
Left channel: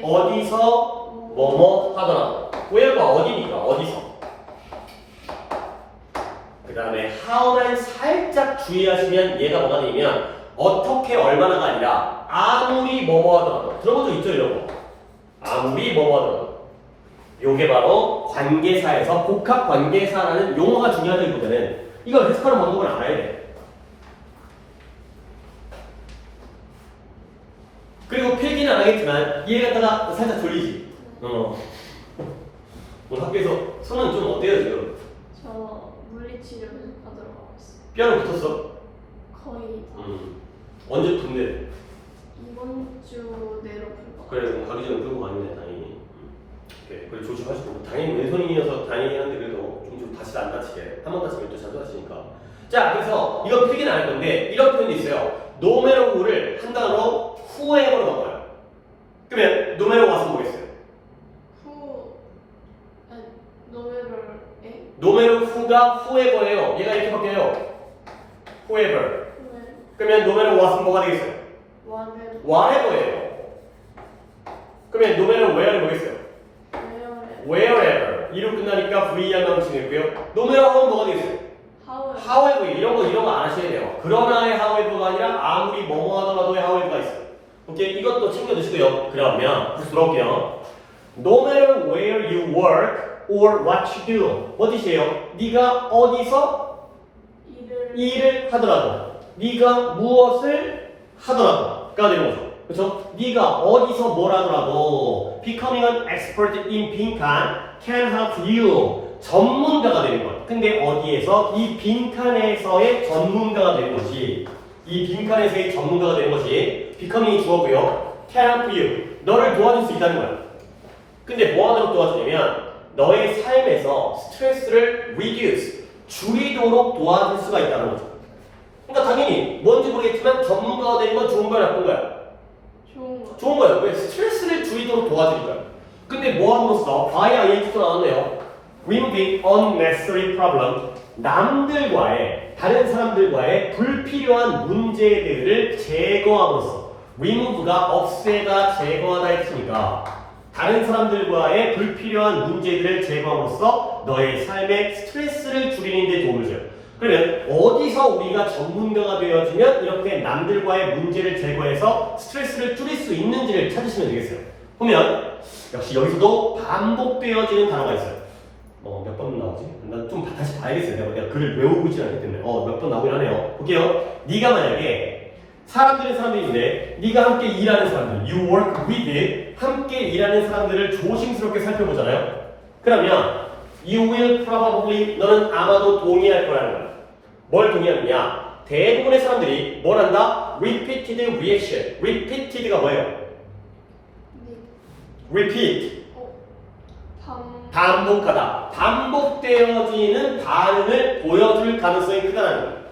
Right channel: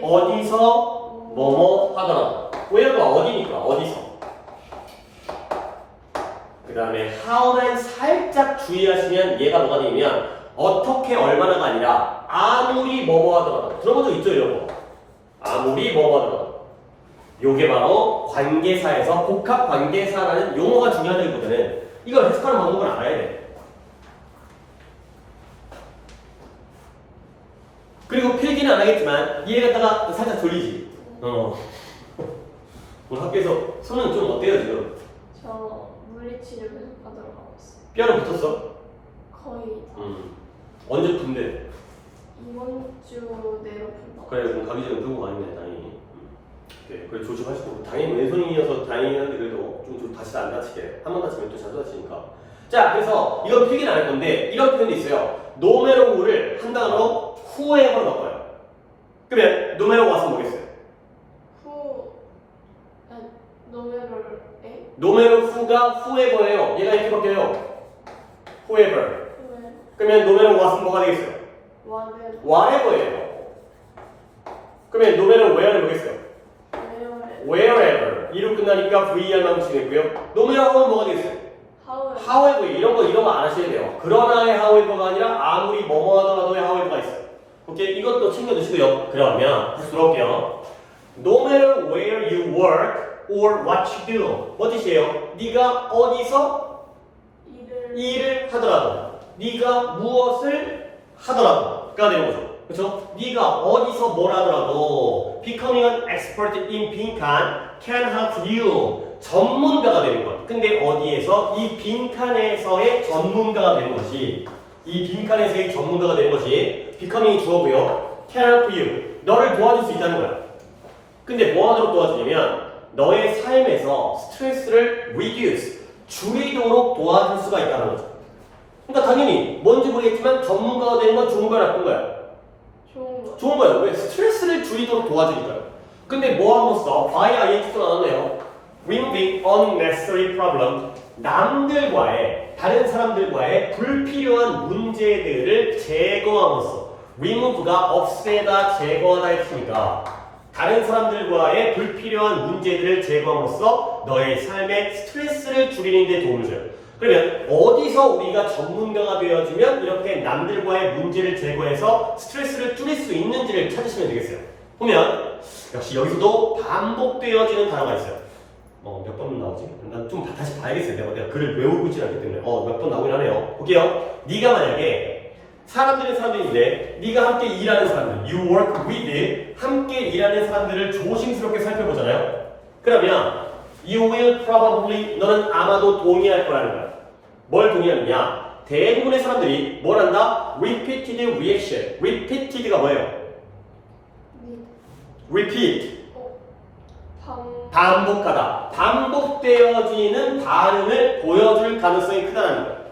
어디서 뭐뭐 하더라도. where가 어디니까 어디서. 그 다음에 how만 살짝 주의하시면 얘가 뭐가 되면 어떻게 얼마나가 아니라 아무리 뭐뭐 하더라도. 들어본 적 있죠 이런 거? 아무리 뭐뭐 하더라도. 요게 바로 관계사에서 복합 관계사라는 용어가 중요하다기보다는 이걸 해석하는 방법을 알아야 돼. 그리고 필기는 안 하겠지만 얘 갖다가 살짝 졸리지. 오늘 학교에서 손은 좀 어때요 지금? 저 물리치료 받으러 가봤어요. 뼈는 붙었어? 거의 언제 붙는데? 이번 주 내로 그래 그럼 가기 전에 그런 거 아니네 다행히. 오케이 그래 조심하시고 당연히 왼손이어서 다행이한데 그래도 좀 다시 안 다치게 한 번 다치면 또 자주 다치니까. 자 그래서 이건 필기는 안 할 건데 이런 표현이 있어요. no matter who를 한 단어로 whoever로 바꿔요. 그러면 no matter what은 뭐겠어요? 후 no matter who가 whoever예요. 얘가 이렇게 바뀌어요. whoever. 그러면 no matter what은 뭐가 되겠어요? whatever예요. 그러면 no matter where는 뭐겠어요? wherever. 이름 끝나니까 VR만 붙이고 있고요. no matter what은 뭐가 되겠어요? however. 이런 거 안 하셔야 돼요. 그러나의 however가 아니라 아무리 뭐뭐 하더라도의 however가 있어요. 오케이? 이것도 챙겨두시고요. 그러면 다시 돌아올게요. No matter where you work or what you do. 뭐 뜻이에요? 네가 어디서 일을 하더라도, 네가 무엇을 하더라도가 되는 거죠. 그렇죠? 네가 어디서 뭘 하더라도 becoming an expert in 빈칸 can help you. 전문가가 되는 거야. 근데 어디에서? 이 빈칸에서의 전문가가 되는 것이, 이 빈칸에서의 전문가가 되는 것이 becoming이 주어고요. can help you. 너를 도와줄 수 있다는 거야. 근데 뭐 하도록 도와주냐면 너의 삶에서 스트레스를 reduce, 줄이도록 도와줄 수가 있다는 거죠. 그러니까 당연히 뭔지 모르겠지만 전문가가 되는 건 좋은 거야, 나쁜 거야? 좋은 거예요. 왜? 스트레스를 줄이도록 도와주니까요. 근데 뭐 함으로써 by INT가 나왔네요. remove unnecessary problem. 남들과의, 다른 사람들과의 불필요한 문제들을 제거함으로써. remove가 없애다, 제거하다 했으니까 다른 사람들과의 불필요한 문제들을 제거함으로써 너의 삶의 스트레스를 줄이는 데 도움을 줘요. 그러면 어디서 우리가 전문가가 되어주면 이렇게 남들과의 문제를 제거해서 스트레스를 줄일 수 있는지를 찾으시면 되겠어요. 보면 역시 여기서도 반복되어지는 단어가 있어요. 몇 번 나오지? 난 좀 다시 봐야겠어요. 내가 글을 외우고 있지 않기 때문에 몇 번 나오긴 하네요. 볼게요. 네가 만약에 사람들인데 네가 함께 일하는 사람들, you work with, 함께 일하는 사람들을 조심스럽게 살펴보잖아요. 그러면 you will probably, 너는 아마도 동의할 거라는 거야. 뭘 동의하느냐? 대부분의 사람들이 뭘 한다? repeated reaction. repeated가 뭐예요? repeat. 반복하다. 반복되어지는 반응을 보여줄 가능성이 크다는 거예요.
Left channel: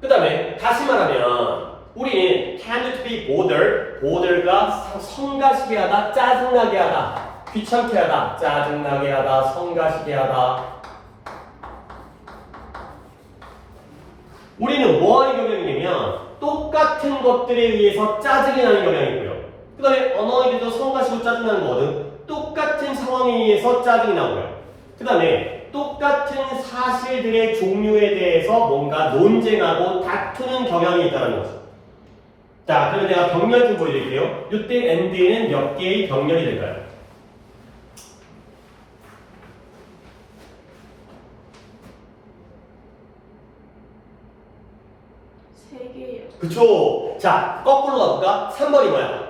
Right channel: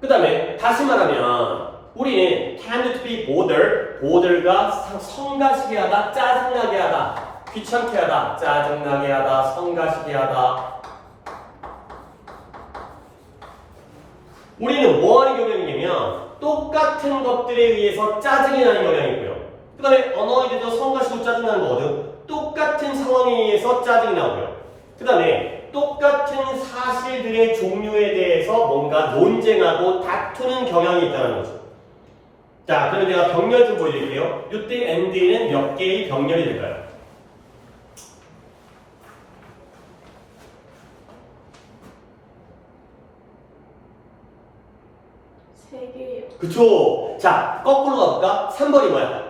그 다음에 다시 말하면 우리는 tend to be bothered가 성가시게 하다, 짜증나게 하다, 귀찮게 하다, 짜증나게 하다, 성가시게 하다. 우리는 뭐 하는 경향이냐면 똑같은 것들에 의해서 짜증이 나는 경향이 있고요. 그 다음에 annoyed도 성가시고 짜증나는 거거든. 똑같은 상황에 의해서 짜증이 나고요. 그 다음에 똑같은 사실들의 종류에 대해서 뭔가 논쟁하고 다투는 경향이 있다는 거죠. 자, 그러면 내가 병렬 좀 보여드릴게요. 이때 ND에는 몇 개의 병렬이 될까요? 세 개요. 그쵸? 자, 거꾸로 가볼까? 3번이 뭐야?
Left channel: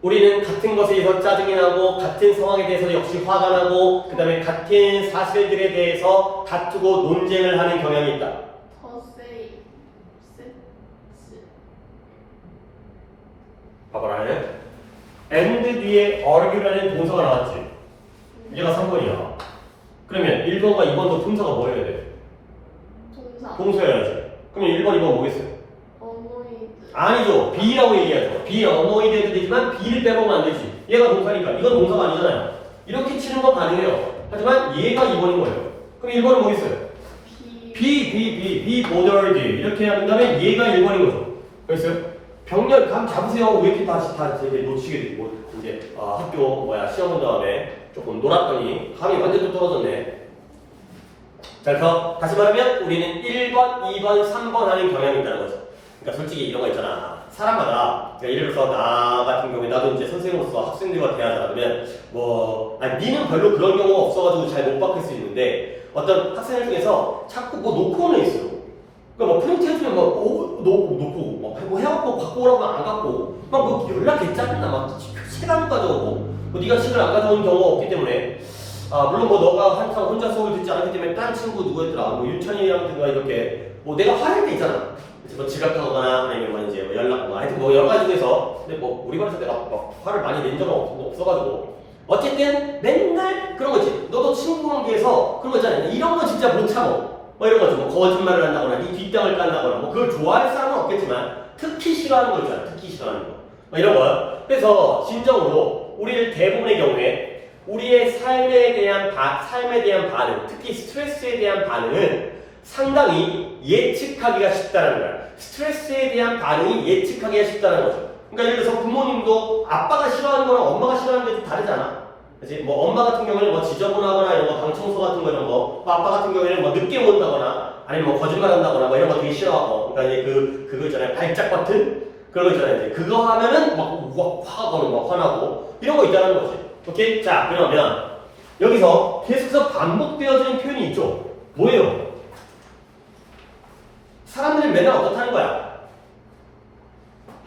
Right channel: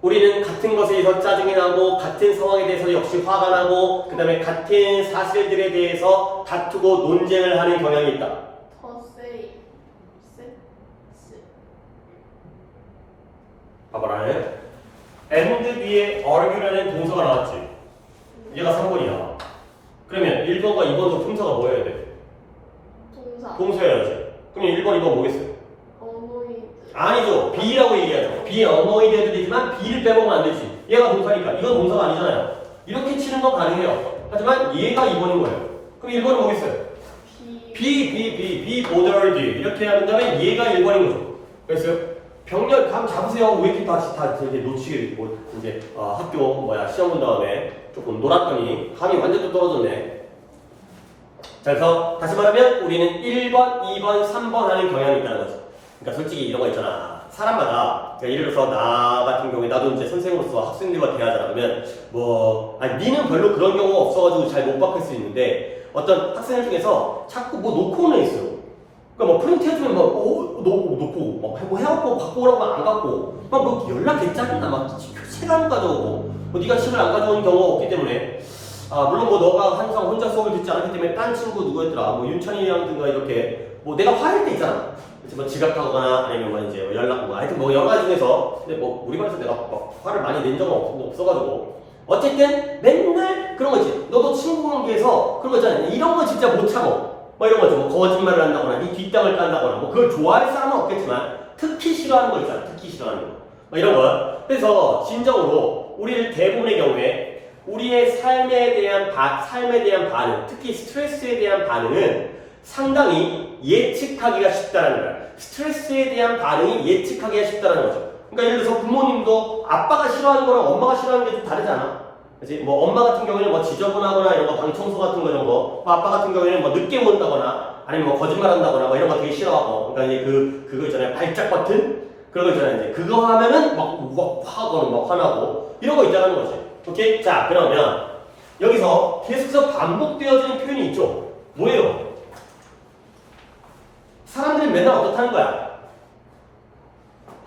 우리는 같은 것에 대해서 짜증이 나고 같은 상황에 대해서 역시 화가 나고 그 다음에 같은 사실들에 대해서 다투고 논쟁을 하는 경향이 있다. 봐봐라. and 뒤에 argue라는 동사가 나왔지. 얘가 3번이야. 그러면 1번과 2번도 동사가 뭐 해야 돼? 동사여야지. 그러면 1번, 2번 뭐겠어요? 아니죠. B라고 얘기하죠. B annoyed도 되지만 B를 빼먹으면 안 되지. 얘가 동사니까. 이건 동사가 아니잖아요. 이렇게 치는 건 가능해요. 하지만 얘가 2번인 거예요. 그럼 1번은 뭐겠어요? be bothered. 이렇게 한 다음에 얘가 1번인 거죠. 그랬어요? 병렬 감 잡으세요. 왜 이렇게 다 이렇게 놓치게 되고 이제 학교 시험 본 다음에 조금 놀았더니 감이 완전 또 떨어졌네. 자, 그래서 다시 말하면 우리는 1번, 2번, 3번 하는 경향이 있다는 거죠. 그러니까 솔직히 이런 거 있잖아. 사람마다 예를 들어서 나 같은 경우에 나도 이제 선생으로서 학생들과 대하잖아. 그러면 니는 별로 그런 경우가 없어가지고 잘 못 바꿀 수 있는데 어떤 학생들 중에서 자꾸 놓고 오는 애 있어요. 그러니까 프린트 해주면 놓고 뭐 해갖고 갖고 오라고 안 갖고 연락이 짜증나 시간 가져오고 네가 책을 안 가져오는 경우가 없기 때문에 물론 너가 항상 혼자 수업을 듣지 않기 때문에 딴 친구 누구였더라 윤찬이한테가 이렇게 내가 화낼 때 있잖아. 지각하거나 아니면 연락 하여튼 여러 가지 중에서 근데 우리 반에서 내가 화를 많이 낸 적은 없어가지고 어쨌든 맨날 그런 거지. 너도 친구 관계에서 그런 거 있잖아. 이런 거 진짜 못 참어. 뭐 이런 거죠. 뭐 거짓말을 한다거나 이 뒷담을 깐다거나 뭐 그걸 좋아할 사람은 없겠지만 특히 싫어하는 거 있잖아. 특히 싫어하는 거. 뭐 이런 거. 그래서 진정으로 우리를 대부분의 경우에 우리의 삶에 대한 반응, 특히 스트레스에 대한 반응은 상당히 예측하기가 쉽다는 거야. 스트레스에 대한 반응이 예측하기가 쉽다는 거죠. 그러니까 예를 들어서 부모님도 아빠가 싫어하는 거랑 엄마가 싫어하는 게 좀 다르잖아. 그치? 뭐 엄마 같은 경우에는 뭐 지저분하거나 이런 거, 방 청소 같은 거 이런 거, 뭐 아빠 같은 경우에는 뭐 늦게 온다거나 아니면 뭐 거짓말 한다거나 뭐 이런 거 되게 싫어하고, 그러니까 이제 그거 있잖아요. 발작 버튼? 그런 거 있잖아요. 이제 그거 하면은 막 화가 막 화나고 이런 거 있다는 거지. 오케이? 자, 그러면 여기서 계속해서 반복되어지는 표현이 있죠. 뭐예요? 사람들이 맨날 어떻다는 거야?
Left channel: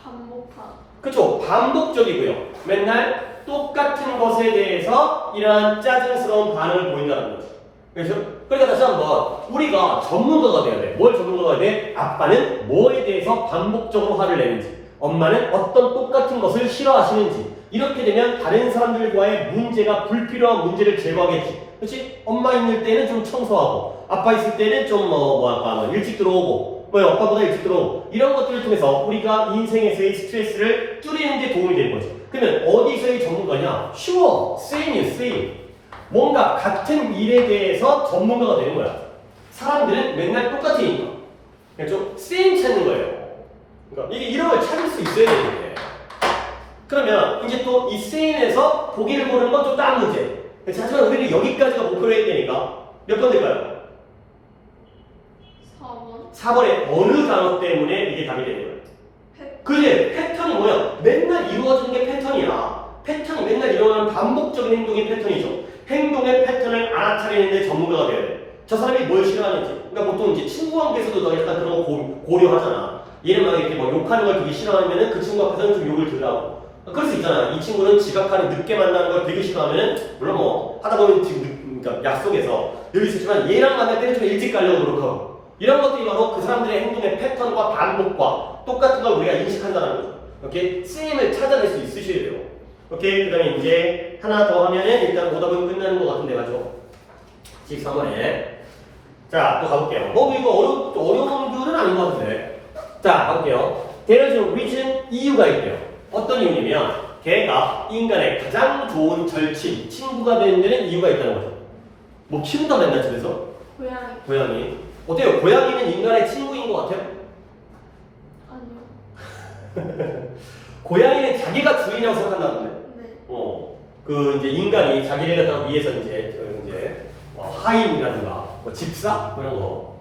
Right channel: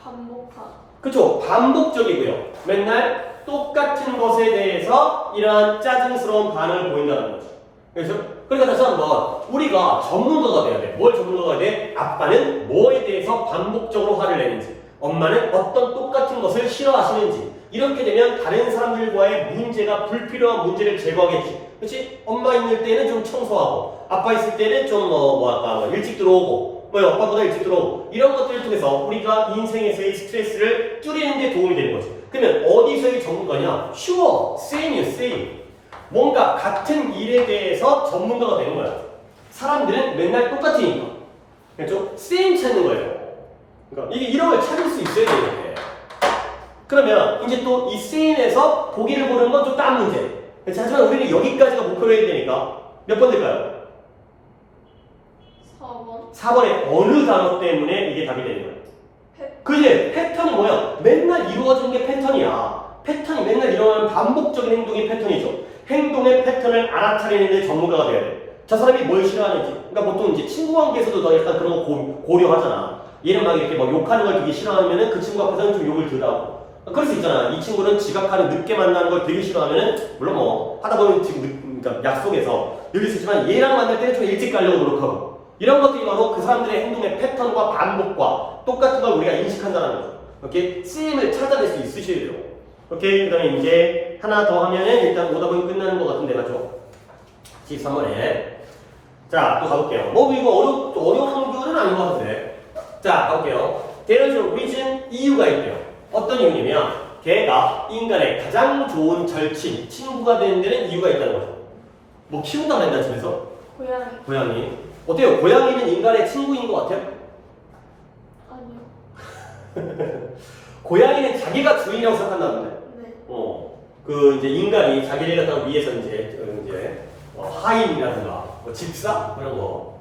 반복하. 그쵸? 반복적이고요. 맨날 똑같은 것에 대해서 이러한 짜증스러운 반응을 보인다는 거죠. 그래서 그러니까 다시 한번 우리가 전문가가 돼야 돼. 뭘 전문가가 돼? 아빠는 뭐에 대해서 반복적으로 화를 내는지, 엄마는 어떤 똑같은 것을 싫어하시는지. 이렇게 되면 다른 사람들과의 문제가 불필요한 문제를 제거하겠지. 그렇지? 엄마 있을 때는 좀 청소하고, 아빠 있을 때는 좀 일찍 들어오고, 아빠보다 일찍 들어오고, 이런 것들을 통해서 우리가 인생에서의 스트레스를 줄이는 데 도움이 되는 거지. 그러면 어디서의 전문가냐? Sure, same이야, same. 뭔가 같은 일에 대해서 전문가가 되는 거야. 사람들은 맨날 똑같으니까. 그렇죠? same 찾는 거예요. 그러니까 이런 걸 찾을 수 있어야 되는데. 그러면 이제 또 이 same에서 보기를 보는 건 좀 다른 문제. 하지만 우리는 여기까지가 목표로 해야 되니까 몇 번 될까요? 4번. 4번의 어느 단어 때문에 이게 답이 되는 거야? 그지? 패턴은 뭐야? 맨날 이루어지는 게 패턴이야. 패턴이 맨날 일어나는 반복적인 행동이 패턴이죠. 행동의 패턴을 알아차리는데 전문가가 돼야 돼. 저 사람이 뭘 싫어하는지. 그러니까 보통 이제 친구 관계에서도 너 약간 그런 거 고려하잖아. 얘는 막 이렇게 막 욕하는 걸 되게 싫어하면은 그 친구 앞에서는 좀 욕을 들으라고. 그럴 수 있잖아. 이 친구는 지각하는 늦게 만나는 걸 되게 싫어하면은 물론 뭐 하다 보면 지금 약속에서 여기 있었지만 얘랑 만날 때는 좀 일찍 가려고 노력하고. 이런 것들이 바로 그 사람들의 행동의 패턴과 반복과 똑같은 걸 우리가 인식한다는 거죠. 오케이? 쓰임을 찾아낼 수 있으셔야 돼요. 오케이? 그 다음에 이제 하나 더 하면은 일단 오답은 끝나는 것 같은데, 가죠? 13번에. 자, 또 가볼게요. 뭐 이거 어려운 뷰는 아닌 것 같은데. 자, 가볼게요. There is a reason, 이유가 있대요. 어떤 이유냐면 걔가 인간의 가장 좋은 절친, 친구가 되는 데는 이유가 있다는 거죠. 뭐 키운다고 했나 집에서? 고양이. 어때요? 고양이는 인간의 친구인 것 같아요? 아니요. 고양이는 자기가 주인이라고 생각한다는데. 네. 그 이제 인간이 자기네가 딱 위해서 이제 하인이라든가 뭐 집사 그런 거.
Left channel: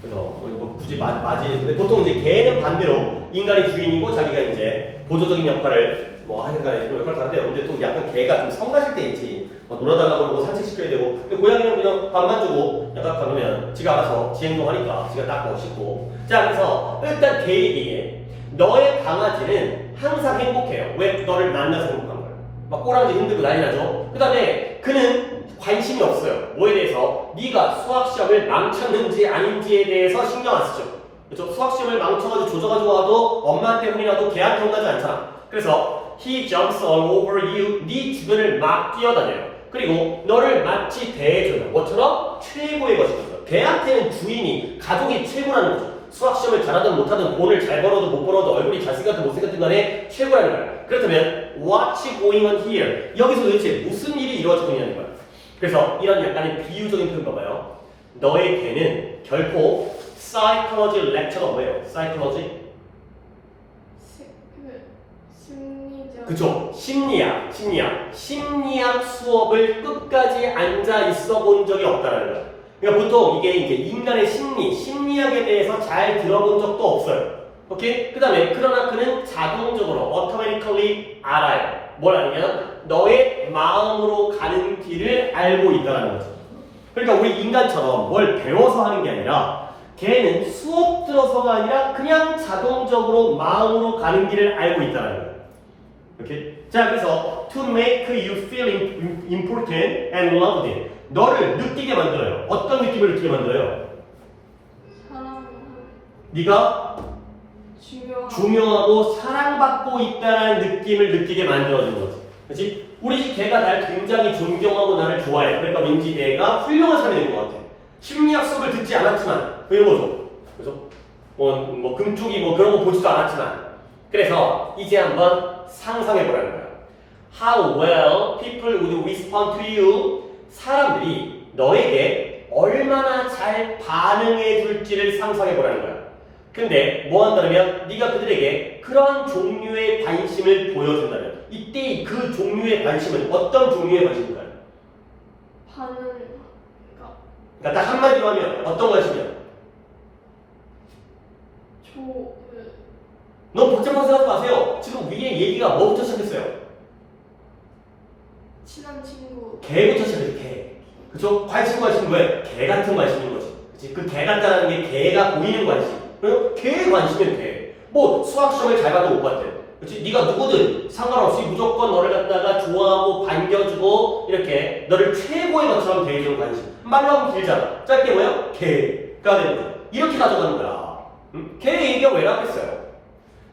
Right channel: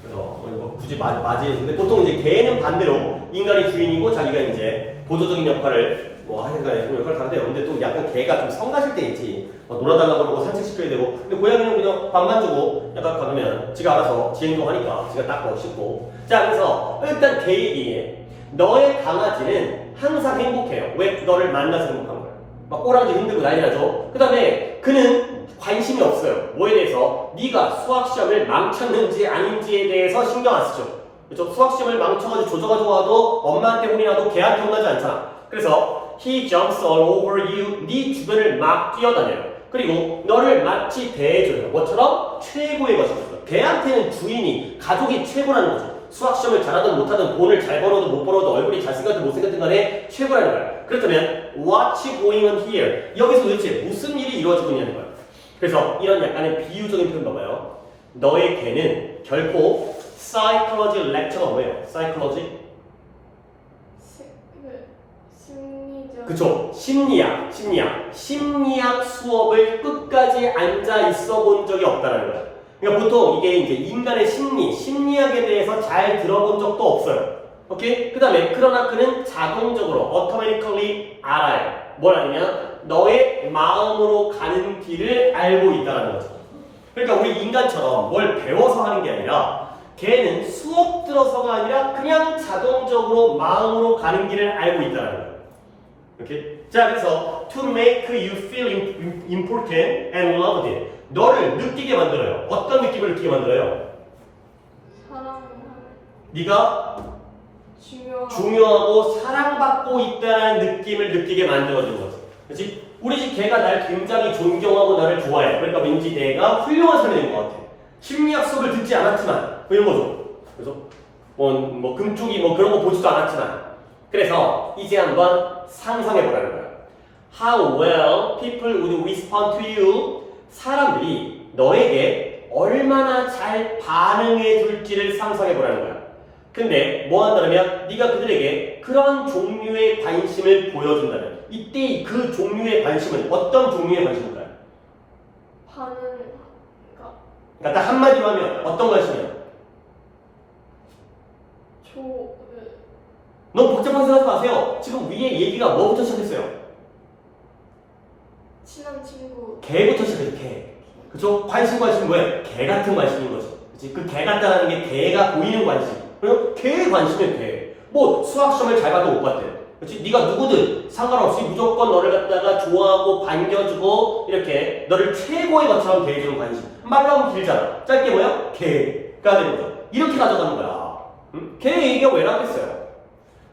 그래서 뭐 굳이 맞이했는데 보통 이제 개는 반대로 인간이 주인이고 자기가 이제 보조적인 역할을 뭐 하는 역할을 하는데, 근데 또 약간 개가 좀 성가실 때 있지. 놀아달라고 그러고 산책시켜야 되고. 근데 고양이는 그냥 밥만 주고 약간 가면 지가 알아서 지 행동하니까 지가 닦고 씻고. 자, 그래서 일단 개 얘기에 너의 강아지는 항상 행복해요. 왜? 너를 만나서 행복한 거예요. 막 꼬라지 흔들고 난리 나죠. 그 다음에 그는 관심이 없어요. 뭐에 대해서? 네가 수학시험을 망쳤는지 아닌지에 대해서 신경 안 쓰죠. 그렇죠? 수학시험을 망쳐가지고 조져가지고 와도 엄마한테 혼이 나도 걔한테 혼나지 않잖아. 그래서 he jumps all over you. 네 주변을 막 뛰어다녀요. 그리고 너를 마치 대해줘요. 뭐처럼? 최고의 것이거든요. 걔한테는 주인이, 가족이 최고라는 거죠. 수학시험을 잘하든 못하든 돈을 잘 벌어도 못 벌어도 얼굴이 잘생겼든 못생겼든 간에 최고라는 거야. 그렇다면 what's going on here? 여기서 도대체 무슨 일이 이루어지고 있냐는 거야. 그래서 이런 약간의 비유적인 표현 봐봐요. 너의 개는 결코 psychology lecture가 뭐예요? psychology? 심리적. 그쵸? 심리학 수업을 끝까지 앉아 있어 본 적이 없다는 거야. 그러니까 보통 이게 이제 인간의 심리학에 대해서 잘 들어본 적도 없어요. 오케이? 그 다음에 그러나 그는 자동적으로 automatically 알아요. 뭘 아느냐? 너의 마음으로 가는 길을 알고 있다는 거죠. 그러니까 우리 인간처럼 뭘 배워서 하는 게 아니라 걔는 수업 들어서가 아니라 그냥 자동적으로 마음으로 가는 길을 알고 있다는 거예요. 오케이? 자, 그래서 to make you feel important and loved. 너를 느끼게 만들어요. 어떤 느낌을 느끼게 만들어요? 네가 중요하고 사랑받고 있다는 느낌을 느끼게 만들어주는 거지. 그렇지? 우리 집 개가 날 굉장히 존경하고 나를 좋아해. 그러니까 왠지 내가 훌륭한 사람인 것 같아. 심리학 수업을 듣지 않았지만 이런 거죠. 그래서 뭐 금쪽이 뭐 그런 거 보지도 않았지만 그래서 이제 한번 상상해 보라는 거야. How well people would respond to you. 사람들이 너에게 얼마나 잘 반응해 줄지를 상상해 보라는 거야. 근데 뭐 한다면 네가 그들에게 그런 종류의 관심을 보여준다면 이때 그 종류의 관심은 어떤 종류의 관심인가요? 반응. 그러니까 딱 한마디로 하면 어떤 관심이야? 너무 복잡하게 생각하지 마세요. 지금 위에 얘기가 뭐부터 시작했어요? 친한 친구. 개부터 시작해요. 개. 그죠? 관심 뭐예요? 개 같은 관심인 거지. 그치? 그 개 같다는 게 개가 보이는 관심. 그리고 개의 관심은 개. 뭐 수학 시험을 잘 봐도 못 봤대. 그렇지? 네가 누구든 상관없이 무조건 너를 갖다가 좋아하고 반겨주고 이렇게 너를 최고의 것처럼 대해주는 관심. 말하면 길잖아. 짧게 뭐야? 개가 되는 거야. 이렇게 가져가는 거야. 응? 개의 얘기가 왜 나왔겠어요?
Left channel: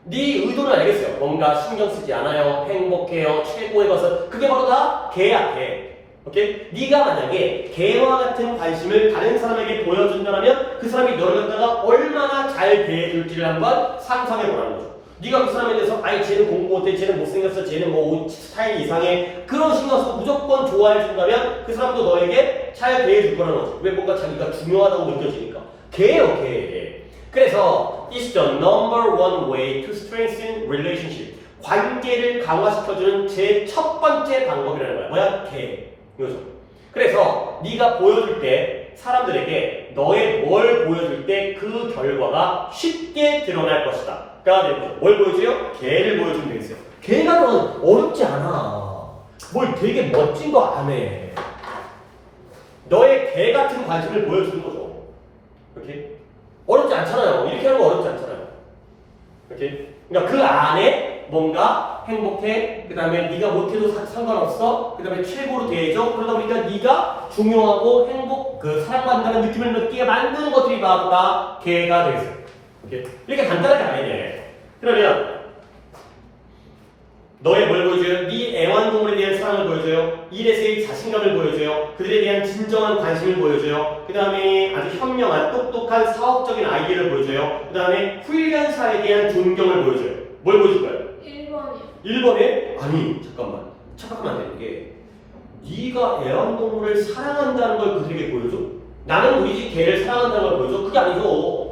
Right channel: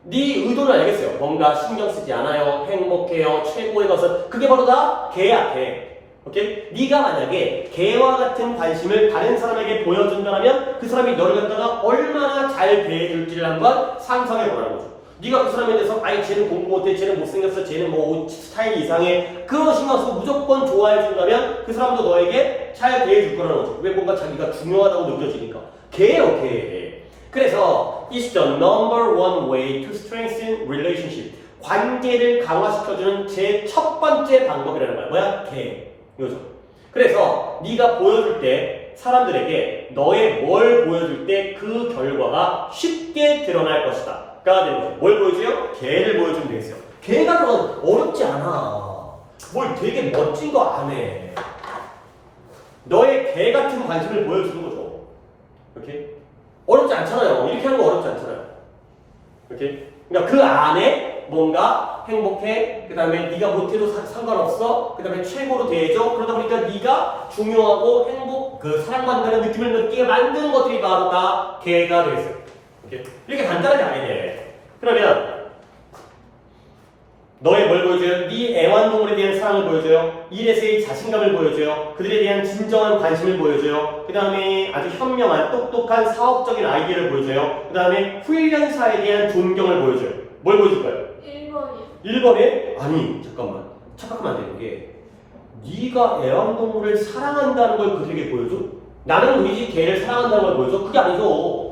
네 의도는 알겠어요. 뭔가 신경 쓰지 않아요. 행복해요. 최고의 것은 그게 바로 다 개야, 개. 오케이? 네가 만약에 개와 같은 관심을 다른 사람에게 보여준다면 그 사람이 너를 갖다가 얼마나 잘 대해줄지를 한번 상상해 보라는 거죠. 네가 그 사람에 대해서 아이 쟤는 공부 못해, 쟤는 못생겼어, 쟤는 뭐 옷 스타일 이상해 그런 신경 써서 무조건 좋아해 준다면 그 사람도 너에게 잘 대해줄 거라는 거죠. 왜 뭔가 자기가 중요하다고 느껴지니까. 개예요, 개. 그래서 is the number one way to strengthen relationship. 관계를 강화시켜주는 제 첫 번째 방법이라는 거야. 뭐야? 개. 이거죠. 그래서 네가 보여줄 때 사람들에게 너의 뭘 보여줄 때 그 결과가 쉽게 드러날 것이다. 가 되는 거죠. 뭘 보여줘요? 개를 보여주면 되겠어요. 개가 넌 어렵지 않아. 뭘 되게 멋진 거 안 해. 너의 개 같은 관심을 보여주는 거죠. 이렇게 어렵지 않잖아요. 이렇게 하는 거 어렵지 않잖아요. 이렇게 그러니까 그 안에 뭔가 행복해. 그 다음에 네가 못해도 상관없어. 그 다음에 최고로 대해줘. 그러다 보니까 네가 중요하고 행복, 그 사랑받는다는 느낌을 느끼게 만드는 것들이 바로 다 개가 되겠어요. 이렇게 간단하게 아니네. 그러면 너의 뭘 보여줘요? 네 애완동물에 대한 사랑을 보여줘요. 일에서의 자신감을 보여줘요. 그들에 대한 진정한 관심을 보여줘요. 그 다음에 아주 현명한 똑똑한 사업적인 아이디어를 보여줘요. 그 다음에 훈련사에 대한 존경을 보여줘요. 뭘 보여줄 거예요? 1번이요. 1번에 아니 잠깐만 착각하면 안 되는 게 네가 애완동물을 사랑한다는 걸 그들에게 보여줘? 나는 우리 집 개를 사랑한다는 걸 보여줘? 그게 아니죠.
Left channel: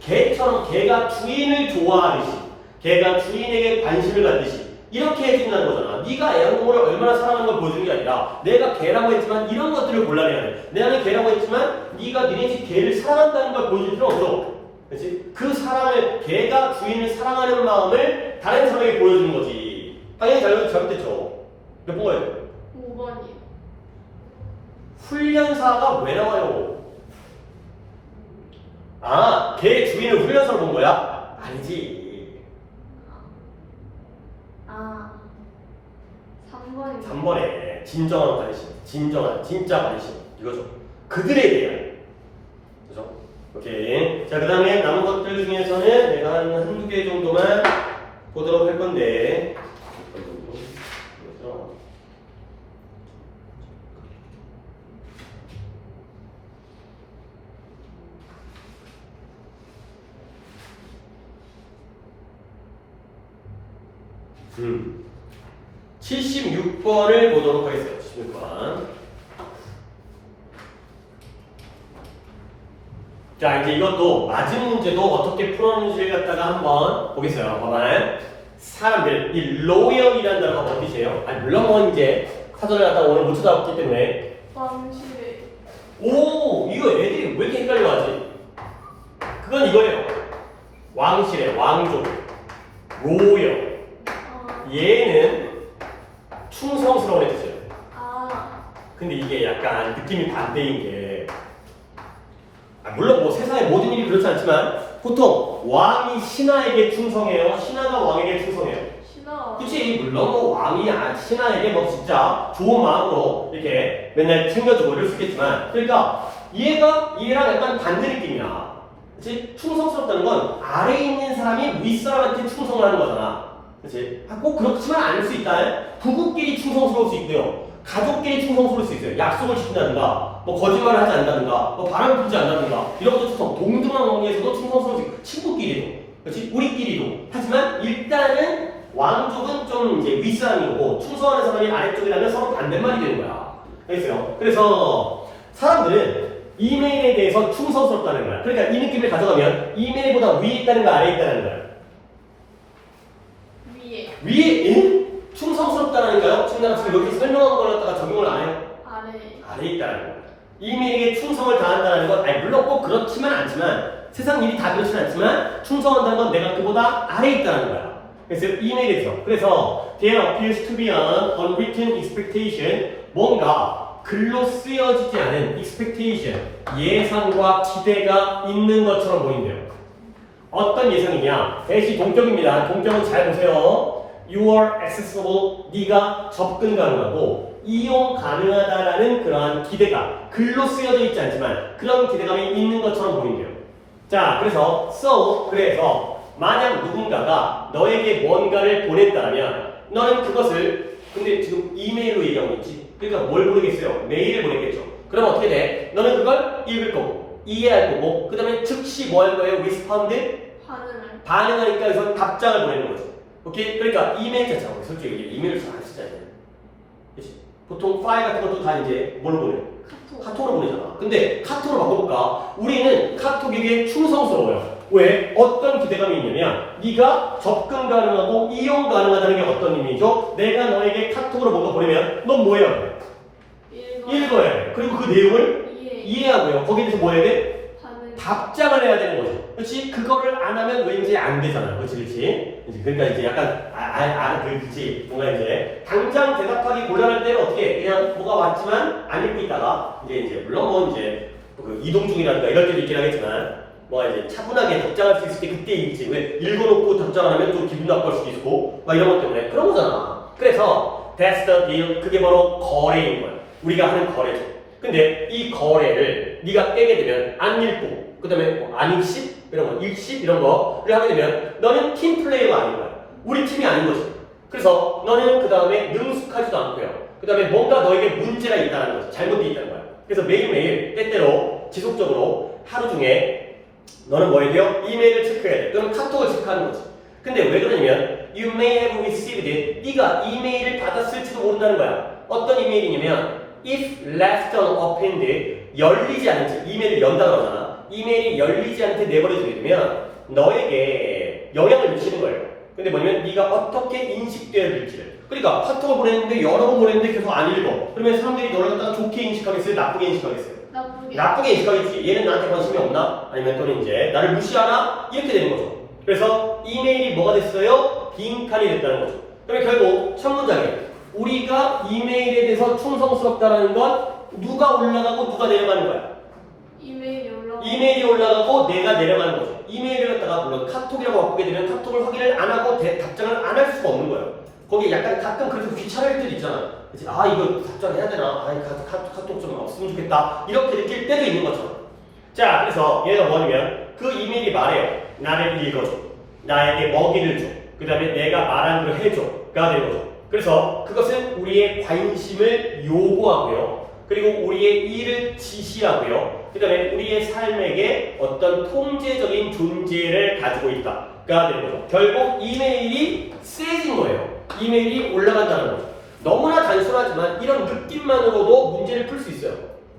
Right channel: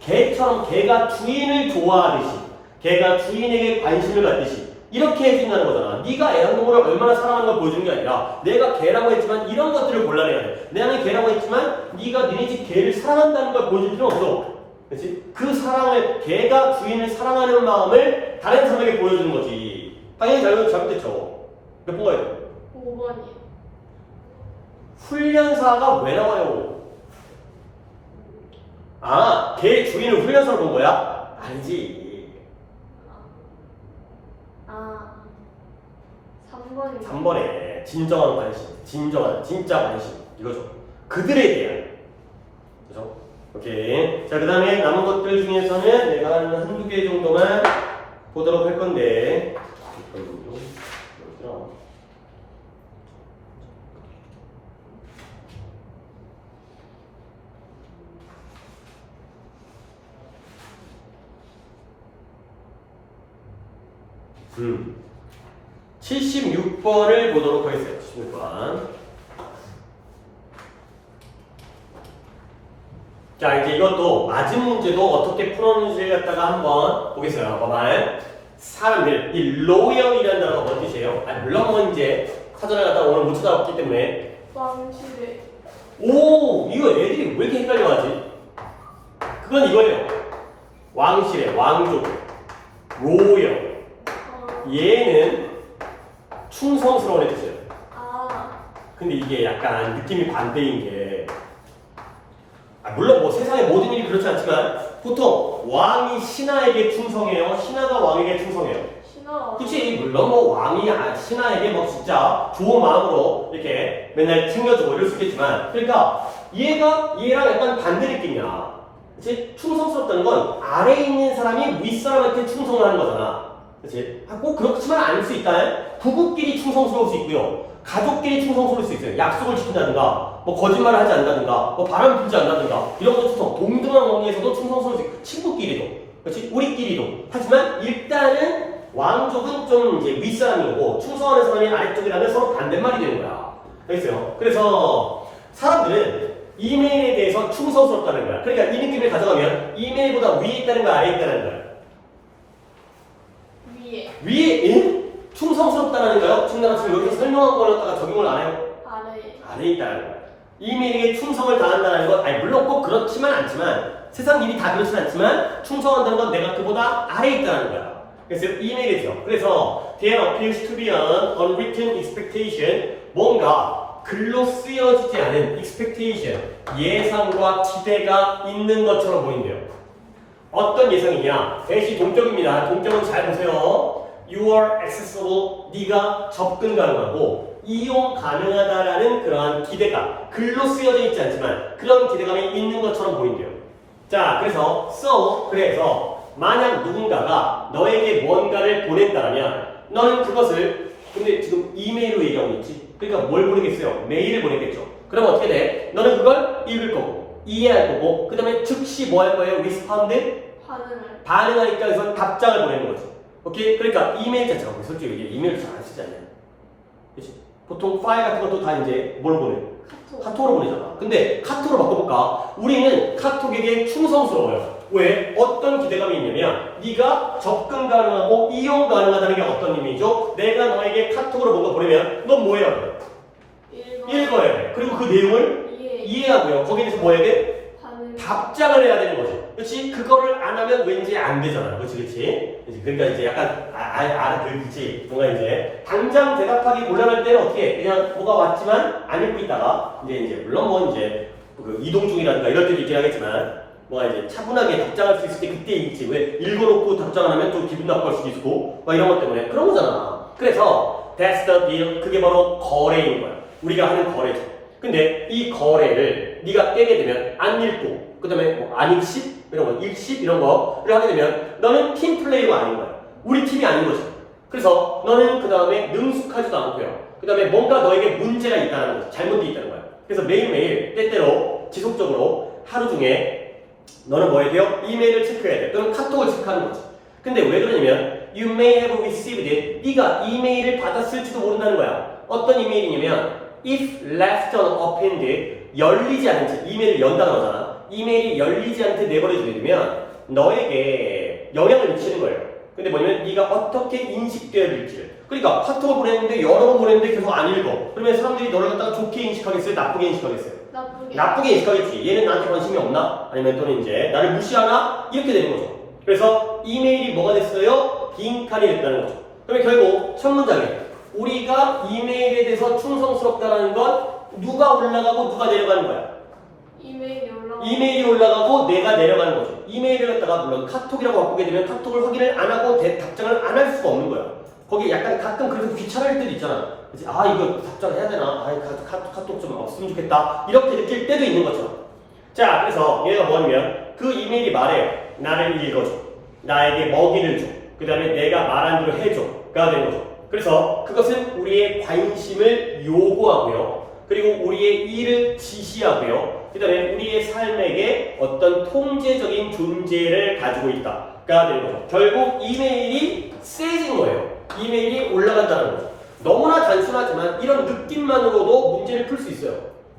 개처럼 개가 주인을 좋아하듯이 개가 주인에게 관심을 갖듯이 이렇게 해준다는 거잖아. 네가 애완동물을 얼마나 사랑하는 걸 보여주는 게 아니라 내가 개라고 했지만 이런 것들을 골라내야 돼. 내가 개라고 했지만 네가 니네 집 개를 사랑한다는 걸 보여줄 필요 없어. 그렇지? 그 사랑을 개가 주인을 사랑하는 마음을 다른 사람에게 보여주는 거지. 당연히 잘못됐죠. 몇 번 가요? 5번이요. 훈련사가 왜 나와요? 아, 개 주인을 훈련사로 본 거야? 아니지. 3번이요. 3번에 진정한 관심, 진짜 관심 이거죠. 그들에 대한 그죠? 오케이. 자, 그 다음에 남은 것들 중에서는 내가 한두 개 정도만 보도록 할 건데 음. 76번을 보도록 하겠습니다. 76번. 자, 이제 이것도 맞은 문제도 어떻게 풀었는지를 갖다가 한번 보겠어요. 봐봐요. 사람들, 이 로열이라는 단어가 뭔 뜻이에요? 아니, 물론 뭐 이제 사전을 갖다가 오늘 못 찾아왔기 때문에. 왕실에. 오! 이거 애들이 왜 이렇게 헷갈려 하지? 그건 이거예요. 왕실의 왕족. 로열. 얘는 충성스러운 뜻이에요. 근데 이게 약간 느낌이 반대인 게 물론 뭐 세상의 모든 일이 그렇지 않지만 보통 왕이 신하에게 충성해요. 신하가 왕에게 충성해요. 신하. 그치? 물론 뭐 왕이 신하에게 뭐 진짜 좋은 마음으로 이렇게 맨날 챙겨주고 이럴 수 있겠지만 그러니까 얘랑 약간 반대 느낌이야. 그치? 충성스럽다는 건 아래에 있는 사람이 윗사람한테 충성을 하는 거잖아. 그치? 꼭 그렇지만 않을 수 있다면 부부끼리 충성스러울 수 있고요. 가족끼리 충성스러울 수 있어요. 약속을 지킨다든가, 뭐 거짓말을 하지 않는다든가, 뭐 바람을 불지 않는다든가, 이런 것도 충성, 동등한 관계에서도 충성스러울 수 있고, 친구끼리도, 그렇지? 우리끼리도. 하지만 일단은 왕족은 좀 이제 윗사람이고 충성하는 사람이 아래쪽이라면 서로 반대말이 되는 거야. 알겠어요? 그래서 사람들은 이메일에 대해서 충성스럽다는 거야. 그러니까 이 느낌을 가져가면 이메일보다 위에 있다는 거야, 아래에 있다는 거야. 위에 충성스럽다는 거요? 지금 여기 설명한 걸 갖다가 적용을 안 해요? 아래에 있다는 거야. 이메일에게 충성을 다한다는 건, 아니 물론 꼭 그렇지만 않지만 세상 일이 다 그렇진 않지만 충성한다는 건 내가 그보다 아래에 있다는 거야. 그래서 이메일에서 그래서 there appears to be an unwritten expectation, 뭔가 글로 쓰여지지 않은 expectation, 예상과 기대가 있는 것처럼 보인대요. 어떤 예상이냐? 대시 동격입니다. 동격은 잘 보세요. You are accessible, 네가 접근 가능하고 이용 가능하다라는 그러한 기대가 글로 쓰여져 있지 않지만 그런 기대감이 있는 것처럼 보인대요. 자, 그래서 그래서 만약 누군가가 너에게 뭔가를 보냈다면 너는 그것을, 근데 지금 이메일로 얘기하고 있지. 그러니까 뭘 보내겠어요? 메일을 보내겠죠. 그럼 어떻게 돼? 너는 그걸 읽을 거고 이해할 거고 그 다음에 즉시 뭐 할 거예요? 리스폰드? 반응하니까 그래서 답장을 보내는 거죠. 오케이? 그러니까 이메일 자체가 솔직히 이게 이메일 잘 안 쓰잖아요. 그치? 보통 파일 같은 것도 다 이제 뭘 보내? 카톡으로 보내잖아. 근데 카톡으로 바꿔볼까? 우리는 카톡에게 충성스러워요. 왜? 어떤 기대감이 있냐면 네가 접근 가능하고 이용 가능하다는 게 어떤 의미죠? 내가 너에게 카톡으로 뭔가 보내면 넌 뭐 해야 돼? 읽어야 돼. 그리고 그 내용을 이해하고요. 거기에 대해서 뭐 해야 돼? 답장을 해야 되는 거죠. 그렇지? 그거를 안 하면 왠지 안 되잖아요. 그렇지? 그러니까 이제 약간 그렇지. 뭔가 이제 당장 대답하기 곤란할 때는 어떻게 그냥 뭐가 왔지만 안 읽고 있다가 이제 물론 뭐 이제 그 이동 중이라든가 이럴 때도 있긴 하겠지만 뭐가 이제 차분하게 답장할 수 있을 때 그때 읽지. 왜 읽어놓고 답장하면 좀 기분 나쁠 수도 있고 막 이런 것 때문에 그런 거잖아. 그래서 that's the deal. 그게 바로 거래인 거야. 우리가 하는 거래죠. 근데 이 거래를 네가 떼게 되면 안 읽고 그 다음에 뭐 안익십 이런 거 일십 이런 거를 하게 되면 너는 팀 플레이가 아닌 거야. 우리 팀이 아닌 거죠. 그래서 너는 그 다음에 능숙하지도 않고요. 그 다음에 뭔가 너에게 문제가 있다는 거죠. 잘못돼 있다는 거야. 그래서 매일매일 때때로 지속적으로 하루 중에 너는 뭐 해야 돼요? 이메일을 체크해야 돼. 또는 카톡을 체크하는 거지. 근데 왜 그러냐면 you may have received it. 네가 이메일을 받았을지도 모른다는 거야. 어떤 이메일이냐면 if left unopened, 열리지 않은 채 이메일을 연다고 하잖아. 이메일이 열리지 않은 채 내버려져 되면 너에게 영향을 미치는 거예요. 근데 뭐냐면 네가 어떻게 인식되어질지를. 그러니까 카톡을 보냈는데 여러 번 보냈는데 계속 안 읽어. 그러면 사람들이 너를 갖다가 좋게 인식하겠어요? 나쁘게 인식하겠어요? 나쁘게 인식하겠지. 얘는 나한테 관심이 없나? 아니면 또는 이제 나를 무시하나? 이렇게 되는 거죠. 그래서 이메일이 뭐가 됐어요? 빈칸이 됐다는 거죠. 그러면 결국 첫 문장에 우리가 이메일에 대해서 충성스럽다는 건 누가 올라가고 누가 내려가는 거야? 이메일이 올라가고 내가 내려가는 거죠. 이메일을 갖다가 물론 카톡이라고 바꾸게 되면 카톡을 확인을 안 하고 답장을 안 할 수가 없는 거예요. 거기에 약간 가끔 그래서 귀찮을 때도 있잖아. 그치? 아 이거 답장해야 되나? 아 카톡 좀 없으면 좋겠다. 이렇게 느낄 때도 있는 거죠. 자, 그래서 얘가 뭐냐면 그 이메일이 말해요. 나를 읽어줘. 나에게 먹이를 줘. 그 다음에 내가 말한 대로 해줘가 되는 거죠. 그래서 그것은 우리의 관심을 요구하고요. 그리고 우리의 일을 지시하고요. 그 다음에 우리의 삶에게 어떤 통제적인 존재를 가지고 있다가 되는 거죠. 결국 이메일이 세진 거예요. 이메일이 올라간다는 거죠. 너무나 단순하지만 이런 느낌만으로도 문제를 풀 수 있어요.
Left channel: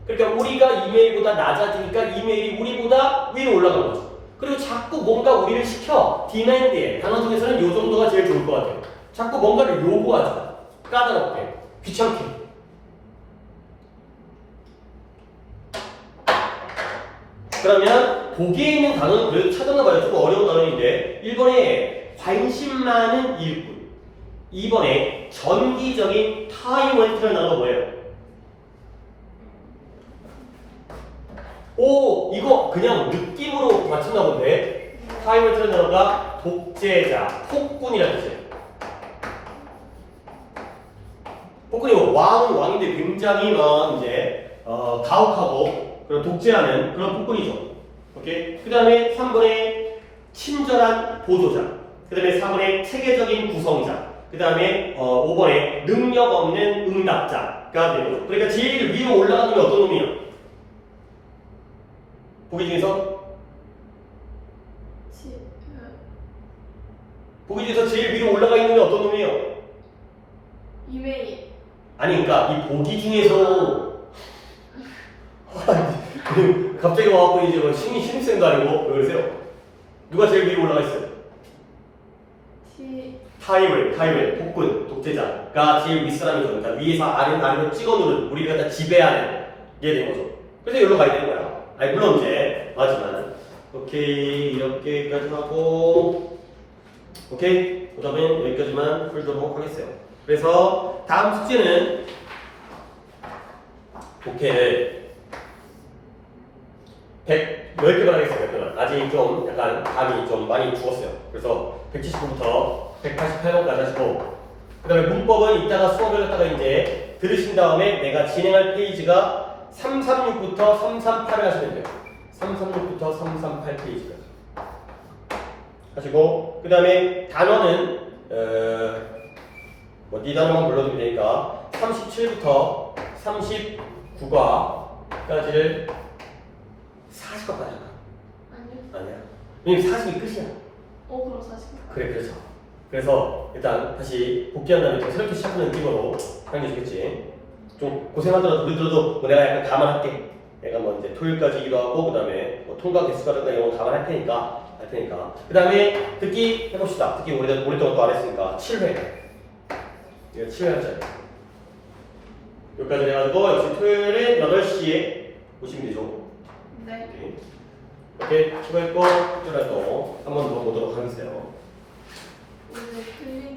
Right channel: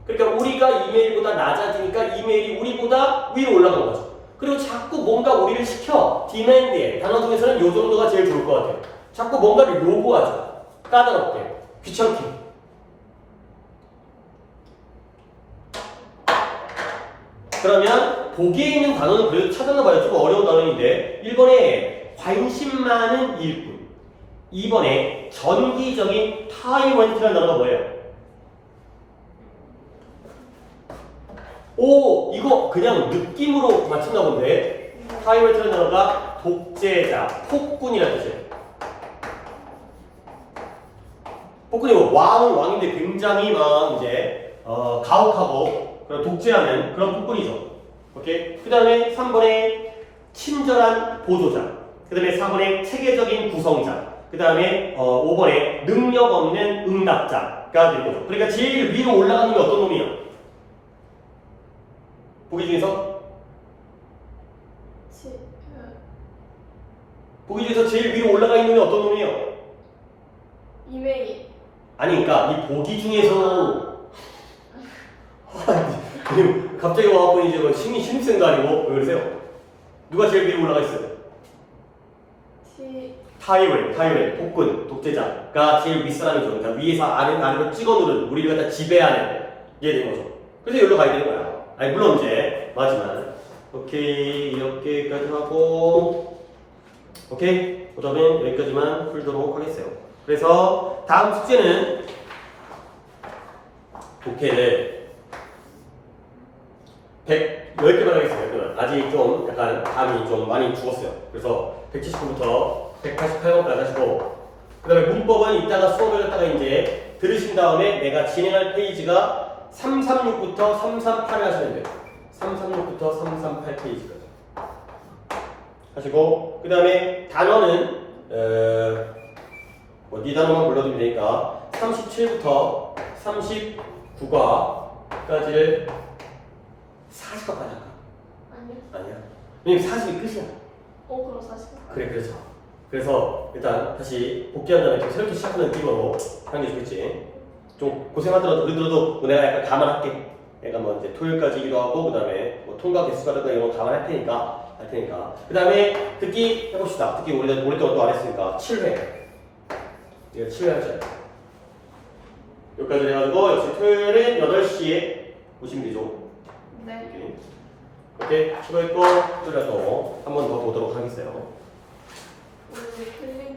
그러니까 우리가 이메일보다 낮아지니까 이메일이 우리보다 위로 올라간 거죠. 그리고 자꾸 뭔가 우리를 시켜. 디맨드에. 단어 중에서는 이 정도가 제일 좋을 것 같아요. 자꾸 뭔가를 요구하죠. 까다롭게. 귀찮게. 그러면 거기에 있는 단어는 그래도 찾아놔봐야 조금 어려운 단어인데 1번에 관심 많은 일꾼, 2번에 전기적인 타이먼트라는 단어가 뭐예요? 오, 이거 그냥 느낌으로 맞춘다 본데 타이먼트라는 단어가 독재자, 폭군이라는 뜻이에요. 폭군이 왕인데 굉장히 막 이제 가혹하고 그런 독재하는 그런 폭군이죠. 오케이? 그 다음에 3번에 친절한 보조자. 그 다음에 4번에 체계적인 구성이자. 그 다음에 5번에 능력 없는 응답자가 되는 거죠. 그러니까 제일 위로 올라가는 게 어떤 놈이에요? 보기 중에서? 보기 중에서 제일 위로 올라가 있는 게 어떤 놈이에요? 이메일. 아니 그러니까 이 보기 중에서 갑자기 와갖고 이제 뭐 신입생도 아니고 왜 그러세요? 누가 제일 위로 올라가 있어요? 타이를, 폭군, 독재자가 제일 윗사람이죠. 그러니까 위에서 아래로 찍어 누르는 우리가 다 지배하는 게 되는 거죠. 그래서 여기로 가야 되는 거야. 아니 물론 이제 맞지만 오케이 이렇게까지 하고 오케이 그 다음에 여기까지만 풀도록 하겠어요. 그래서 다음 숙제는 독해를 10개만 하겠습니다. 10개만. 아직 좀 약간 감이 좀 많이 죽었어요. 그래서 179부터 188번까지 하시고 그 다음에 문법은 이따가 수업을 갖다가 이제 들으신 다음에 내가 진행할 페이지가 336부터 338을 하시면 돼요. 336부터 338 페이지까지 하시고 그 다음에 단어는 네 단어만 불러주면 되니까 37부터 39과까지를 40과까지 한다. 아니요. 아니야. 왜냐면 40이 끝이야. 그럼 40. 그래 그래서 일단 다시 복귀한 다음에 새롭게 시작하는 느낌으로 하는 게 좋겠지. 좀 고생하더라도 우리들도 내가 약간 감안할게. 내가 뭐 이제 토요일까지기도 하고 그 다음에 뭐 통과 개수가든가 이런 거 감안할 테니까 그 다음에 듣기 해봅시다. 듣기 우리 또 안 했으니까 7회. 이거 7회 하자. 여기까지 해가지고 역시 토요일에 8시에 보시면 되죠. 네. 오케이 수고했고 또 한 번 더 보도록 하겠어요. 이제 틀린